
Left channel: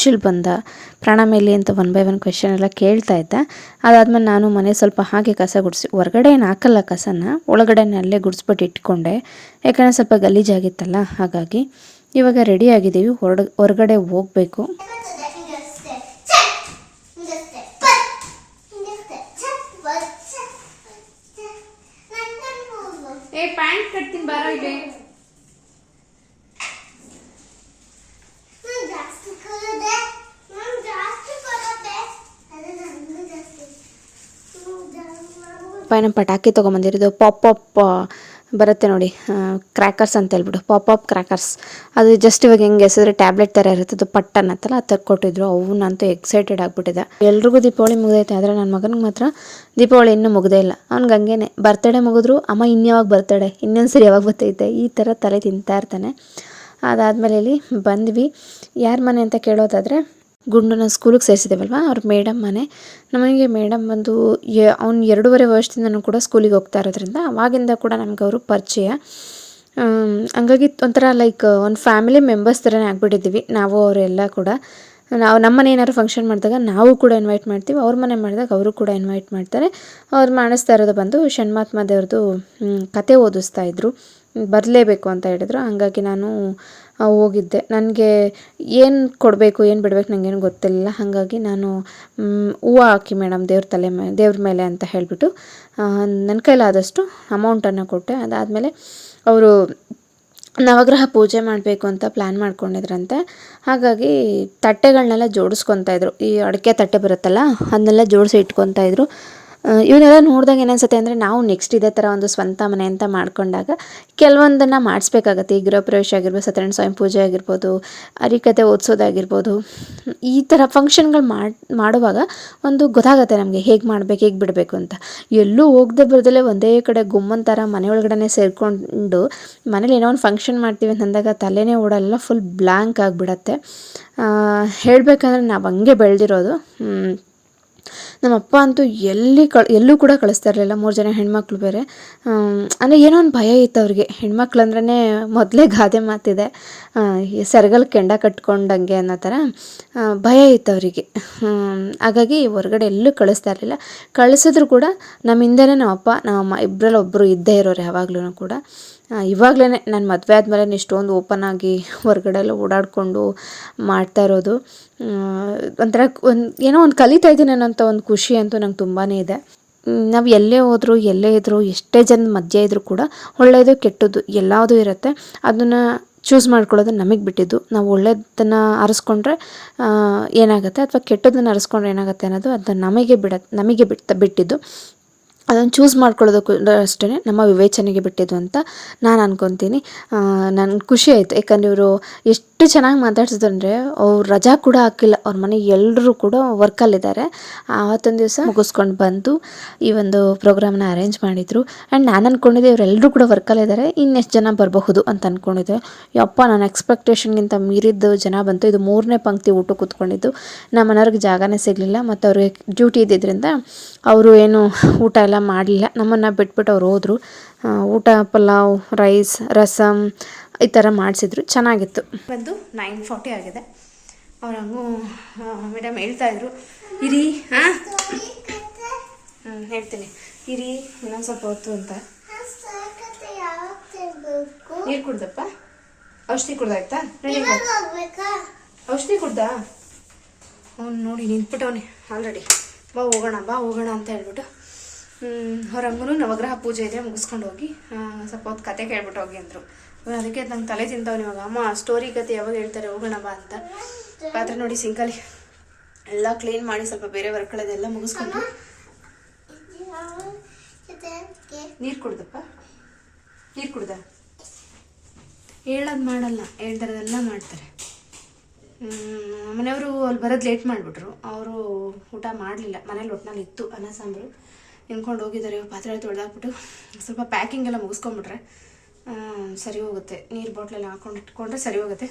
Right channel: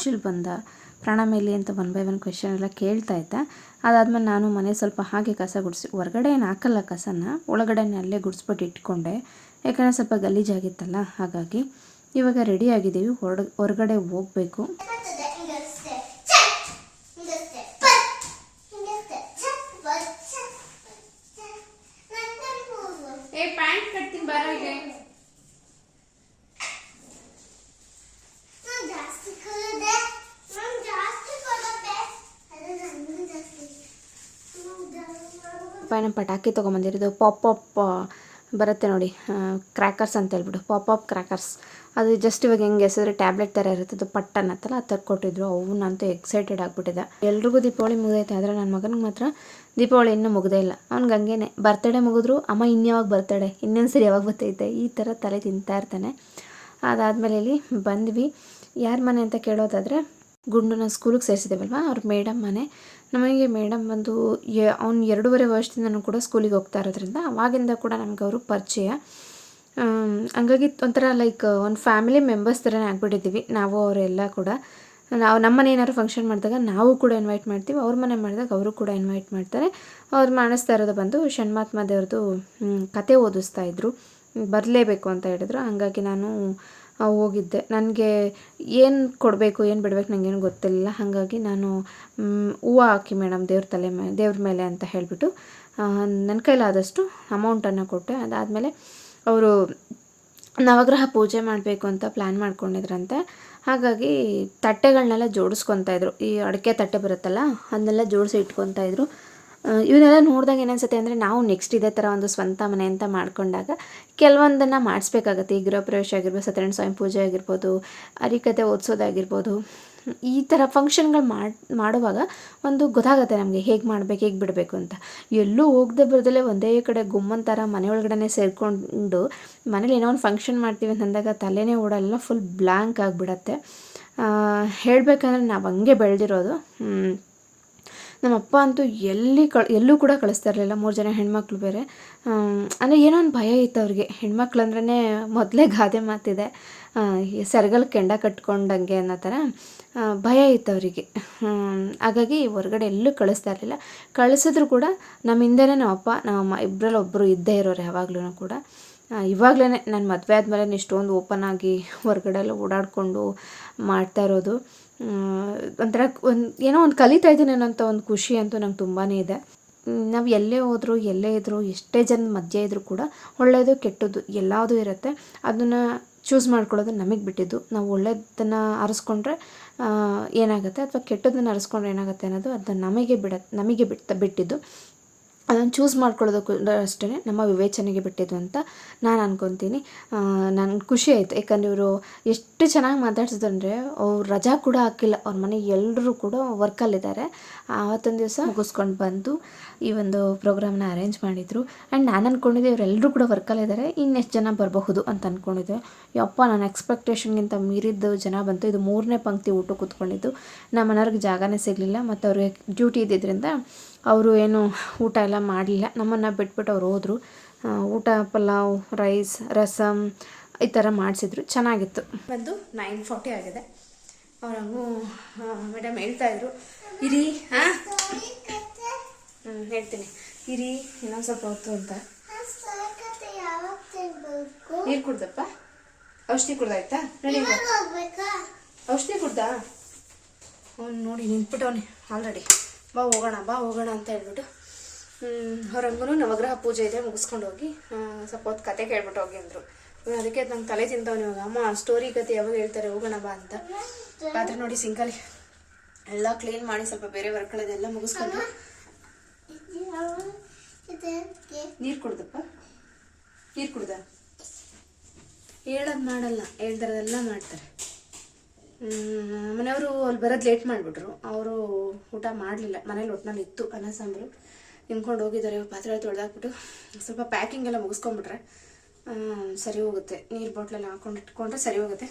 ಶಿಲ್ ಬಂದ. ಪ್ರಾಣ ಮೇಲೆ ಅಂತ ಒನ್ ಬೈ ಒನ್ ಕ್ವೆಶನ್ ಎಲ್ಲ ಕೇಳ್ತಾ ಇದ್ದ. ಅದಾದ್ಮೇಲೆ ನಾನು ಮನೆ ಸ್ವಲ್ಪ ಹಾಗೆ ಕಸ ಗುಡಿಸಿ, ಹೊರಗಡೆ ಏನು ಹಾಕಲ್ಲ ಕಸನ, ಒಳಗಡೆನೇ ಅಲ್ಲೇ ಗುಡಿಸ್ಬಿಟ್ಟು ಇಟ್ಕೊಂಡೆ. ಯಾಕಂದರೆ ಸ್ವಲ್ಪ ಗಲೀಜಾಗಿತ್ತಲ್ಲ, ಹಾಗಾಗಿ ಇವಾಗ ರೆಡಿ ಆಗಿದ್ದೀವಿ, ಹೊರಡ, ಹೊರಗಡೆ ಹೋಗಬೇಕು ಏ ಪ್ಯಾಂಟ್ ಕಟ್ತೀನಿ ಬರೋ ಇದೆ ಜಾಸ್ತಿ ಕಲಿದೆ ನಾನು ಜಾಸ್ತಿ ಕಲಿತೆ ಅದು ನನಗೂ ಜಾಸ್ತಿ ಪೈನ ಪಟಾಕಿ ತೊಗೊಂಬಂದಿರೋದು ಪಾಪ್ ಅಪ್ ಬರುತ್ತೆ ನೋಡಿ ಕ್ರ್ಯಾಕರ್ಸ್ ಅಂತ ಹೇಳ್ಬಿಟ್ಟು ಪಾಪ್ ಅಪ್ ಕ್ರ್ಯಾಕರ್ಸ್ ಅದು ಜಸ್ಟ್ ಇವಾಗ ಹೆಂಗೆ ಎಸಿದ್ರೆ ಟ್ಯಾಬ್ಲೆಟ್ ಥರ ಇರುತ್ತೆ, ಅದು ಪಟ್ ಅನ್ನತ್ತಲ್ಲ ಅದು ತರ್ಕೊಟ್ಟಿದ್ರು ಅವನಂತೂ ಎಕ್ಸೈಟೆಡ್ ಆಗಿಬಿಟ್ಟಿದೆ. ಎಲ್ರಿಗೂ ದೀಪಾವಳಿ ಮುಗ್ದೈತೆ, ಆದರೆ ನನ್ನ ಮಗನಿಗೆ ಮಾತ್ರ ದೀಪಾವಳಿ ಇನ್ನೂ ಮುಗ್ದೇ ಇಲ್ಲ. ಅವ್ನಿಗೆ ಹಂಗೇನೆ ಬರ್ತಡೇ ಮುಗಿದ್ರು, ಅಮ್ಮ ಇನ್ಯಾವಾಗ ಬರ್ತಡೆ ಇನ್ನೊಂದು ಸರಿ ಯಾವಾಗ ಬರ್ತೈತೆ ಈ ಥರ ತಲೆ ತಿಂತಾ ಇರ್ತಾನೆ. ಅದಾದಮೇಲೆ ಇಲ್ಲಿ ಬಂದ್ವಿ. ಯಾರ ಮನೆ ಅಂತ ಕೇಳೋದಾದರೆ ಗುಂಡನ್ನ ಸ್ಕೂಲಿಗೆ ಸೇರಿಸಿದ್ದೇವಲ್ವ ಅವ್ರ ಮೇಡಮ್ ಮನೆ. ನಮಗೆ ಮೇಡಮ್ ಬಂದು ಅವ್ನು ಎರಡೂವರೆ ವರ್ಷದಿಂದನೂ ಕೂಡ ಸ್ಕೂಲಿಗೆ ಹೋಗ್ತಾ ಇರೋದ್ರಿಂದ ಅವಾಗಿಂದ ಕೂಡ ನಮ್ಗೆ ಅವರು ಪರಿಚಯ. ಹಂಗಾಗಿ ಒಂಥರ ಲೈಕ್ ಒಂದು ಫ್ಯಾಮಿಲಿ ಮೆಂಬರ್ಸ್ ಥರನೇ ಆಗಿಬಿಟ್ಟಿದ್ದೀವಿ. ನಾವು ಅವರೆಲ್ಲ ಕೂಡ. ನಾವು ನಮ್ಮ ಮನೆ ಏನಾದ್ರು ಫಂಕ್ಷನ್ ಮಾಡಿದಾಗ ನಾವು ಕೂಡ ಇನ್ವೈಟ್ ಮಾಡ್ತೀವಿ. ಅವ್ರ ಮನೆ ಮಾಡಿದಾಗ ಅವರು ಕೂಡ ಇನ್ವೈಟ್ ಮಾಡ್ತಾರೆ. ಅವ್ರು ಮಾಡಿಸ್ತಾ ಇರೋದು ಬಂದು ಷಣ್ಮಾತ್ಮ ದೇವ್ರದ್ದು ಕತೆ ಓದಿಸ್ತಾ ಇದ್ದರು ಬರಲೇಬೇಕು ಅಂತ ಹೇಳಿದ್ರು. ಹಂಗಾಗಿ ನಾನು ಹೋಗಿದ್ದೆ. ನನಗೆ ಏನು ಕೊಡಬೇಕು ಏನು ಬಿಡಬೇಕು ನನಗೇನು ಗೊತ್ತಿಲ್ಲ. ಹಾಗಾಗಿ ನಾನು ಹೂವು ಹಾಕಿ ಮೇಡಮ್ ದೇವ್ರ ತಲೆ ಮೇ ದೇವ್ರ ಮೇಲೆ ಅಂತ ಹೇಳಿಬಿಟ್ಟು ನನ್ನ ಕೈಲಾದಷ್ಟು ಅಮೌಂಟನ್ನು ಕೊಟ್ಟೆ. ಅದಾದಮೇಲೆ ಅವರು ನವಗ್ರಹ ಪೂಜೆ ಮಾಡಬೇಕು ಅಂತ ಪ್ಲ್ಯಾನ್ ಮಾಡ್ಕೊಂಡಿದ್ರಂತೆ. ಹಾಗಾಗಿ ತಟ್ಟೆಗಳನ್ನೆಲ್ಲ ಜೋಡಿಸ್ಕೊತಾ ಇದ್ರು. ಈ ಅಡಿಕೆ ತಟ್ಟೆ ಬರುತ್ತಲ್ಲ ಅದನ್ನೆಲ್ಲ ಜೋಡಿಸಿ ಇಟ್ಕೊತಾ ಇದ್ರು. ಆ, ಇವನ್ನೆಲ್ಲ ನೋಡಿದಾಗ ಏನನ್ಸುತ್ತೆ ಅಂದರೆ ನಾವು ನೆಕ್ಸ್ಟ್ ಇದೇ ಥರ ಒಂದು ಸ್ವಂತ ಮನೆ ಅಂತ ಮಾಡ್ಕೊಂಡಾಗ ಕೆಲವೊಂದನ್ನು ಮಾಡಿಸ್ಬೇಕಾಗತ್ತೆ. ಈ ಗೃಹ ಪ್ರವೇಶ ಆಗಿರ್ಬೋದು, ಸತ್ಯನಾರಾಯಣ ಸ್ವಾಮಿ ಪೂಜೆ ಆಗಿರ್ಬೋದು ಅರಿಕತೆ ಓದಿಸೋದಾಗಿರ್ಬೋದು, ಈ ಥರ ಫಂಕ್ಷನ್ಗಳು ಮಾಡಿ, ಮಾಡುವಾಗ ಒಂದು ಗೊತ್ತಾಗುತ್ತೆ ನಮಗೆ ಹೇಗೆ ಮಾಡಬೇಕು, ಹೇಗೆ ಬಿಡಬೇಕು ಅಂತ. ಎಲ್ಲೂ ಹೋಗದೆ ಬರ್ದಲೇ ಒಂದೇ ಕಡೆ ಗುಮ್ಮನ್ ಥರ ಮನೆಯೊಳಗಡೆ ಸೇರಿಕೊಂಡು ಮನೇಲಿ ಏನೋ ಒಂದು ಫಂಕ್ಷನ್ ಮಾಡ್ತೀವಿ ಅಂತಂದಾಗ ತಲೆನೇ ಓಡಲ್ಲ ಫುಲ್ ಬ್ಲ್ಯಾಂಕ್ ಆಗಿಬಿಡತ್ತೆ. ಹೇಳಬೇಕಂದ್ರೆ ನಾವು ಹಂಗೆ ಬೆಳೆದಿರೋದು. ನಮ್ಮಪ್ಪ ಅಂತೂ ಎಲ್ಲಿ ಕಳ್, ಎಲ್ಲೂ ಕೂಡ ಕಳಿಸ್ತಾ ಇರಲಿಲ್ಲ. ಮೂರು ಜನ ಹೆಣ್ಮಕ್ಳು ಬೇರೆ. ಅಂದರೆ ಏನೋ ಒಂದು ಭಯ ಇತ್ತು ಅವ್ರಿಗೆ. ಹೆಣ್ಮಕ್ಳು ಅಂದ್ರೇ ಮೊದಲೇ ಗಾದೆ ಮಾತಿದೆ. ಸರ್ಗಲ್ ಕೆಂಡ ಕಟ್ಕೊಂಡಂಗೆ ಅನ್ನೋ ಥರ ಭಯ ಇತ್ತು ಅವರಿಗೆ. ಹಾಗಾಗಿ ಹೊರಗಡೆ ಎಲ್ಲೂ ಕಳಿಸ್ತಾ ಇರಲಿಲ್ಲ. ಕಳಿಸಿದ್ರು ಕೂಡ ನಮ್ಮ ಹಿಂದೆನೇ ನಮ್ಮ ಅಪ್ಪ, ನಮ್ಮ ಅಮ್ಮ ಇಬ್ಬರಲ್ಲಿ ಒಬ್ಬರು ಇದ್ದೇ ಇರೋರು ಯಾವಾಗ್ಲೂ ಕೂಡ. ಇವಾಗಲೇ ನನ್ನ ಮದುವೆ ಆದಮೇಲೆ ಇಷ್ಟೊಂದು ಓಪನ್ ಆಗಿ ಹೊರಗಡೆ ಎಲ್ಲ ಓಡಾಡಿಕೊಂಡು ಮಾಡ್ತಾ ಇರೋದು. ಒಂಥರ ಒಂದು ಏನೋ ಒಂದು ಕಲಿತಾ ಇದ್ದೀನಿ ಅನ್ನೋಂಥ ಒಂದು ಖುಷಿ ಅಂತೂ ನಂಗೆ ತುಂಬಾ ಇದೆ. ನಾವು ಎಲ್ಲೇ ಹೋದರೂ, ಎಲ್ಲೇ ಇದ್ದರೂ ಎಷ್ಟೇ ಜನ ಮಧ್ಯೆ ಇದ್ದರೂ ಕೂಡ ಒಳ್ಳೆಯದು ಕೆಟ್ಟದ್ದು ಎಲ್ಲದು ಇರುತ್ತೆ. ಅದನ್ನು ಚೂಸ್ ಮಾಡ್ಕೊಳ್ಳೋದು ನಮಗೆ ಬಿಟ್ಟಿದ್ದು. ನಾವು ಒಳ್ಳೆಯದನ್ನು ಆರಿಸ್ಕೊಂಡ್ರೆ ಏನಾಗುತ್ತೆ? ಅಥವಾ ಕೆಟ್ಟದನ್ನು ಆರಿಸ್ಕೊಂಡ್ರೆ ಏನಾಗುತ್ತೆ ಅನ್ನೋದು ಅದು ನಮಗೆ ಬಿಡ ನಮಗೆ ಬಿಟ್ಟು ಬಿಟ್ಟಿದ್ದು. ಅದನ್ನು ಚೂಸ್ ಮಾಡ್ಕೊಳ್ಳೋದಕ್ಕೂ ಅಷ್ಟೇ ನಮ್ಮ ವಿವೇಚನೆಗೆ ಬಿಟ್ಟಿದ್ದು ಅಂತ ನಾನು ಅನ್ಕೊತೀನಿ. ನನಗೆ ಖುಷಿ ಆಯಿತು. ಯಾಕಂದ್ರೆ ಇವರು ಎಷ್ಟು ಚೆನ್ನಾಗಿ ಮಾತಾಡ್ಸಿದ್ರು ಅಂದರೆ ಅವ್ರು ರಜಾ ಕೂಡ ಹಾಕಿಲ್ಲ. ಅವ್ರ ಮನೆ ಎಲ್ಲರೂ ಕೂಡ ವರ್ಕಲ್ಲಿದ್ದಾರೆ ಆವತ್ತೊಂದು ದಿವಸ ಮುಗಿಸ್ಕೊಂಡು ಬಂದು ಈ ಒಂದು ಪ್ರೋಗ್ರಾಮ್ನ ಅರೇಂಜ್ ಮಾಡಿದರು. ಆ್ಯಂಡ್ ನಾನು ಅಂದ್ಕೊಂಡಿದ್ದೆ ಇವರೆಲ್ಲರೂ ಕೂಡ ವರ್ಕಲ್ಲಿದ್ದಾರೆ ಇನ್ನೆಷ್ಟು ಜನ ಬರಬಹುದು ಅಂತ ಅಂದ್ಕೊಂಡಿದ್ದೆ ಯಪ್ಪ, ನನ್ನ ಎಕ್ಸ್ಪೆಕ್ಟೇಷನ್ಗಿಂತ ಮೀರಿದ್ದು ಜನ ಬಂತು. ಇದು ಮೂರನೇ ಪಂಕ್ತಿ ಊಟ ಕೂತ್ಕೊಂಡಿದ್ದು. ನಮ್ಮ ಮನೆಯವ್ರಿಗೆ ಜಾಗನೇ ಸಿಗಲಿಲ್ಲ. ಮತ್ತು ಅವ್ರಿಗೆ ಡ್ಯೂಟಿ ಇದ್ದಿದ್ದರಿಂದ ಅವರು ಏನು ಊಟ ಎಲ್ಲ ಮಾಡಲಿಲ್ಲ. ನಮ್ಮನ್ನು ಬಿಟ್ಬಿಟ್ಟು ಅವ್ರು ಹೋದರು. ಊಟ, ಪಲಾವ್, ರೈಸ್ ರಸಮ್ ಈ ಥರ ಮಾಡಿಸಿದ್ರು. ಚೆನ್ನಾಗಿತ್ತು. ಬಂದು ನೈನ್ ಫಾರ್ಟಿ ಆಗಿದೆ. ಅವ್ರು ಹಂಗೂ ಮೇಡಮ್ ಹೇಳ್ತಾ ಇದ್ರು. ಇರಿ ಹಾಂ ಹೇಳ್ತೀನಿ. ಇರಿ, ಇನ್ನೊಂದು ಸ್ವಲ್ಪ ಹೊತ್ತು ಅಂತ. ನೀರು ಕುಡ್ದಪ್ಪ? ಔಷಧಿ ಕುಡ್ದಾಯ್ತಾ? ಔಷಧಿ ಕುಡ್ದಾ? ಅವ್ನು ನೋಡಿ ನಿಂತ್ಬಿಟ್ಟವನೇ ಆಲ್ರೆಡಿ ಬಾ ಹೋಗೋಣ ಬಾ ಹೋಗೋಣ ಅಂತ ಹೇಳ್ಬಿಟ್ಟು ಅವ್ರಂಗೂ ನವಗ್ರಹ ಪೂಜೆ ಇದೆ, ಮುಗಿಸ್ಕೊಂಡು ಹೋಗಿ ಸ್ವಲ್ಪ ಹೊತ್ತು ಕತೆ ಕೇಳ್ಬಿಟ್ಟು ಹೋಗಿ ಅಂದರು. ಅದಕ್ಕೆ ನಂಗೆ ತಲೆ ತಿಂತಾವ್ ಇವಾಗ. ಅಮ್ಮ ಸ್ಟೋರಿ ಕತೆ ಯಾವಾಗ ಹೇಳ್ತಾರೆ, ಹೋಗೋಣ ಬಾ ಅಂತ. ಪಾತ್ರೆ ನೋಡಿ ಸಿಂಕಲ್ಲಿ ಎಲ್ಲ ಕ್ಲೀನ್ ಮಾಡಿ ಸ್ವಲ್ಪ ಬೇರೆ ವರ್ಕ್ಗಳದೆಲ್ಲ ಮುಗಿಸ್ಕೊಂಡು ನೀರು ಕುಡ್ದಪ್ಪ? ನೀರು ಕುಡ್ದ? ಹೇಳೋದು ಮಾಡಲ್ಲ, ಹೇಳ್ತಾರದೆಲ್ಲ ಮಾಡ್ತಾರೆ. ಮನೆಯವರು ಅಲ್ಲಿ ಬರೋದು ಲೇಟ್ ಮಾಡಿಬಿಟ್ರು. ಅವರು ಊಟ ಮಾಡಲಿಲ್ಲ. ಮನೇಲಿ ಒಟ್ಟಿನಲ್ಲಿ ಇತ್ತು ಅನ್ನ ಸಾಂಬಾರು. ನಿಂತ್ಕೊಂಡು ಹೋಗಿದ್ದಾರೆ. ಪಾತ್ರೆ ತೊಳೆದಾಕ್ಬಿಟ್ಟು ಸ್ವಲ್ಪ ಪ್ಯಾಕಿಂಗ್ ಎಲ್ಲ ಮುಗಿಸ್ಕೊಂಬಿಟ್ರೆ ಸರಿ ಹೋಗುತ್ತೆ. ನೀರು ಬಾಟ್ಲೆಲ್ಲ ಹಾಕೊಂಡು ಇಟ್ಕೊಂಡ್ರೆ ಸರಿ ಹೋಗುತ್ತೆ.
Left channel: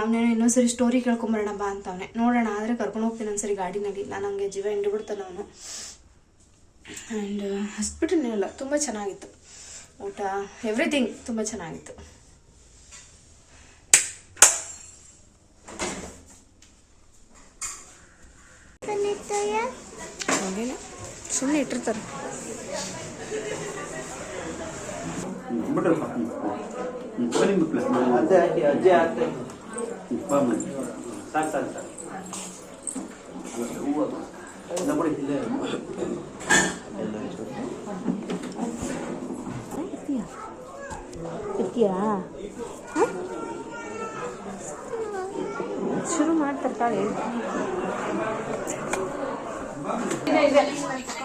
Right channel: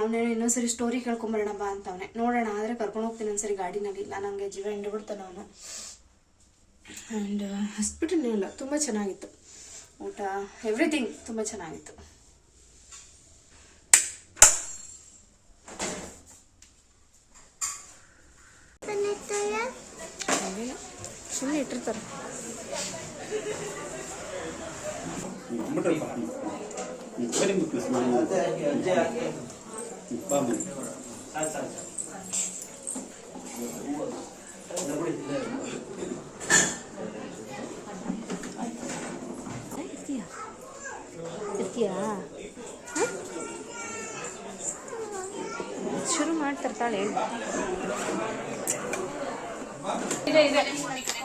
ಅವನೇನು ಇನ್ನೊಂದ್ಸರಿ ಸ್ಟೋರಿ ಕೇಳ್ಕೊಂಬರೋಣ ಬಾ ಅಂತ ಅವನೇ. ನೋಡೋಣ, ಆದರೆ ಕರ್ಕೊಂಡು ಹೋಗ್ತೀನಿ ಒಂದ್ಸರಿ ಗಾಡಿನಲ್ಲಿ. ನಾನು ನನಗೆ ಜೀವ ಹಿಂಡ್ಬಿಡ್ತಾನೆ ಅವನು. ಆ್ಯಂಡ್ ಹಾಸ್ಪಿಟಲ್ನೆಲ್ಲ ತುಂಬ ಚೆನ್ನಾಗಿತ್ತು. ಊಟ ಎವ್ರಿಥಿಂಗ್ ತುಂಬ ಚೆನ್ನಾಗಿತ್ತು ಕಲಿತೆಯ ಹಾಗೇನೆ ಸುಮ್ಮನೆ ಇಟ್ಟಿರ್ತಾರೆ. ಶುರು ಮಾಡ್ತಾರೆ ಬಾ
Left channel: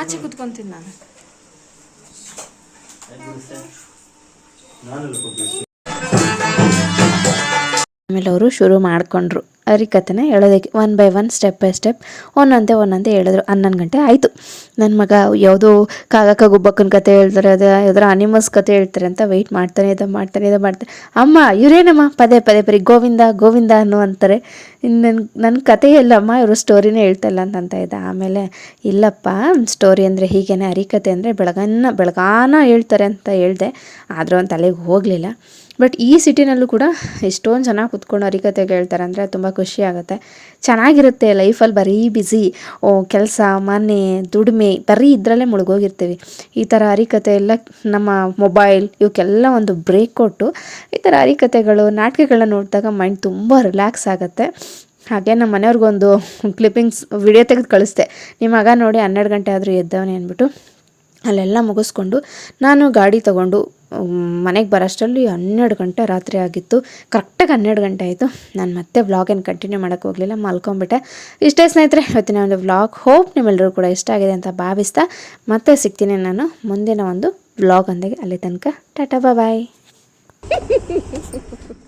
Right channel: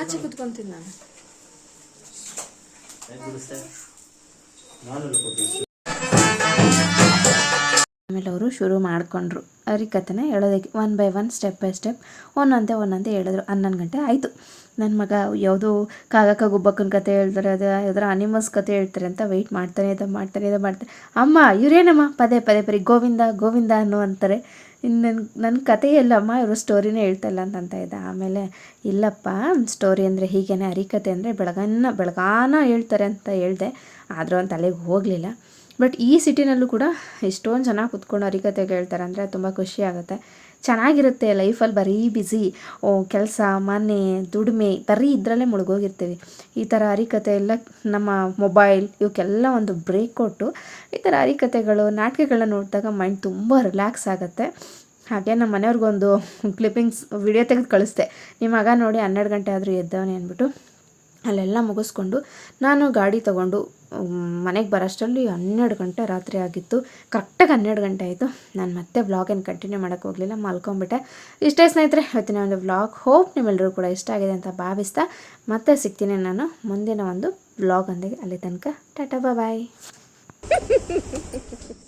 ಆಚೆ ಕುತ್ಕೊಂತೀನಿ ನಾನು. ಆಮೇಲೆ ಅವರು ಶುರು ಮಾಡಿಕೊಂಡ್ರು. ಹರಿಕತೆನ ಹೇಳೋದಕ್ಕೆ one by one step by step ಒಂದೊಂದೇ ಒಂದೊಂದೇ ಹೇಳಿದ್ರು. ಹನ್ನೊಂದು ಗಂಟೆ ಆಯಿತು. ನನ್ನ ಮಗ ಯಾವುದೋ ಕಾಗಕ್ಕ ಗುಬ್ಬಕ್ಕನ ಕತೆ ಹೇಳ್ತಾರೆ, ಅದು ಯಾವ್ದಾರ ಅನಿಮಲ್ಸ್ ಕತೆ ಹೇಳ್ತಾರೆ ಅಂತ ವೆಯ್ಟ್ ಮಾಡ್ತಾನೆ ಇದು ಮಾಡ್ತಾನೆ, ಇದು ಮಾಡ್ತಾರೆ ಅಮ್ಮ, ಇವರೇನಮ್ಮ? ಪದೇ ಪದೇ ಪರಿ ಗೋವಿಂದ ಗೋವಿಂದ ಅನ್ನೋ ಅಂತಾರೆ ನನ್ನ ನನ್ನ ಕತೆ ಎಲ್ಲಮ್ಮ, ಇವರು ಸ್ಟೋರಿನೇ ಹೇಳ್ತಲ್ಲ ಅಂತ ಇದ್ದ ಆಮೇಲೆ ಇಲ್ಲಪ್ಪ ಸ್ಟೋರಿ ಅಂದರೆ ಹೀಗೇನೆ ಅರಿಕತೆ ಅಂದರೆ ಬೆಳಗನ್ನ, ಬೆಳಗಾನ ಹೇಳ್ತಾರೆ ಅಂತ ಹೇಳಿದೆ. ಆದರೂ ಒಂದು ತಲೆಗೆ ಹೋಗಲಿಲ್ಲ. ಬಟ್ ಈ ಸಿಟಿನಲ್ಲೂ ಕೂಡ ಎಷ್ಟೊಂದು ಜನ ಕುತ್ಕೊಂಡು ಹರಿಕತೆ ಕೇಳ್ತಾರೆ ಅಂದರೆ ತುಂಬ ಖುಷಿ ಆಗುತ್ತೆ. ಚೆನ್ನಾಗಿರುತ್ತೆ ಲೈಫಲ್ಲಿ ಬರೀ ಬ್ಯುಸಿ ಓ ಕೆಲಸ, ಮನೆ, ದುಡಿಮೆ, ಬರೀ ಇದರಲ್ಲೇ ಮುಳುಗೋಗಿರ್ತೀವಿ. ಈ ಥರ ಹರಿಕತೆ ಎಲ್ಲ ನಮ್ಮ ಮೊಬೈಲ್ ಇವಕ್ಕೆಲ್ಲ ಒಂದು ಬ್ರೇಕ್ ಕೊಟ್ಟು ಈ ಥರ ಹರಿಕತೆಗಳು ನಾಟಕಗಳನ್ನ ನೋಡಿದಾಗ ಮೈಂಡ್ ತುಂಬ ರಿಲ್ಯಾಕ್ಸ್ ಆಗುತ್ತೆ. ಹಾಗೆ ನಮ್ಮ ಮನೆಯವ್ರಿಗೊಂದು ಕ್ಲಿಪ್ಪಿಂಗ್ಸ್ ವಿಡಿಯೋ ತೆಗೆದು ಕಳಿಸ್ದೆ. ನಿಮ್ಮ ಮಗ ನೋಡಿ ಹನ್ನೆರಡು ಗಂಟೆ ಆದರೂ ಎದ್ದವನೇ ಅಂದ್ಬಿಟ್ಟು ಅಲ್ಲೆಲ್ಲ ಮುಗಿಸ್ಕೊಂಡು ನಾನು ಗಾಡಿ ತೊಗೊಂಡು ಮನೆಗೆ ಬರೋಷ್ಟರಲ್ಲಿ ಹನ್ನೆರಡು ಗಂಟೆ ರಾತ್ರಿ ಆಗಿತ್ತು. ಕರೆಕ್ಟಾಗಿ ಹನ್ನೆರಡು ಗಂಟೆ ಆಯಿತು. ನಾನು ಮತ್ತೆ ವ್ಲಾಗೇನು ಕಂಟಿನ್ಯೂ ಮಾಡೋಕ್ಕೆ ಹೋಗಲಿಲ್ಲ, ಮಲ್ಕೊಂಬಿಟ್ಟೆ. ಇಷ್ಟೇ ಸ್ನೇಹಿತರೆ, ಇವತ್ತಿನ ಒಂದು ವ್ಲಾಗ್ ಹೋಪ್ ನಿಮ್ಮೆಲ್ಲರೂ ಕೂಡ ಇಷ್ಟ ಆಗಿದೆ ಅಂತ ಭಾವಿಸ್ತಾ ಮತ್ತೆ ಸಿಗ್ತೀನಿ ನಾನು ಮುಂದಿನ ಒಂದು ವ್ಲಾಗ್ ಒಂದಿಗೆ. ಅಲ್ಲಿ ತನಕ ಟಾಟಾ ಬಾಯ್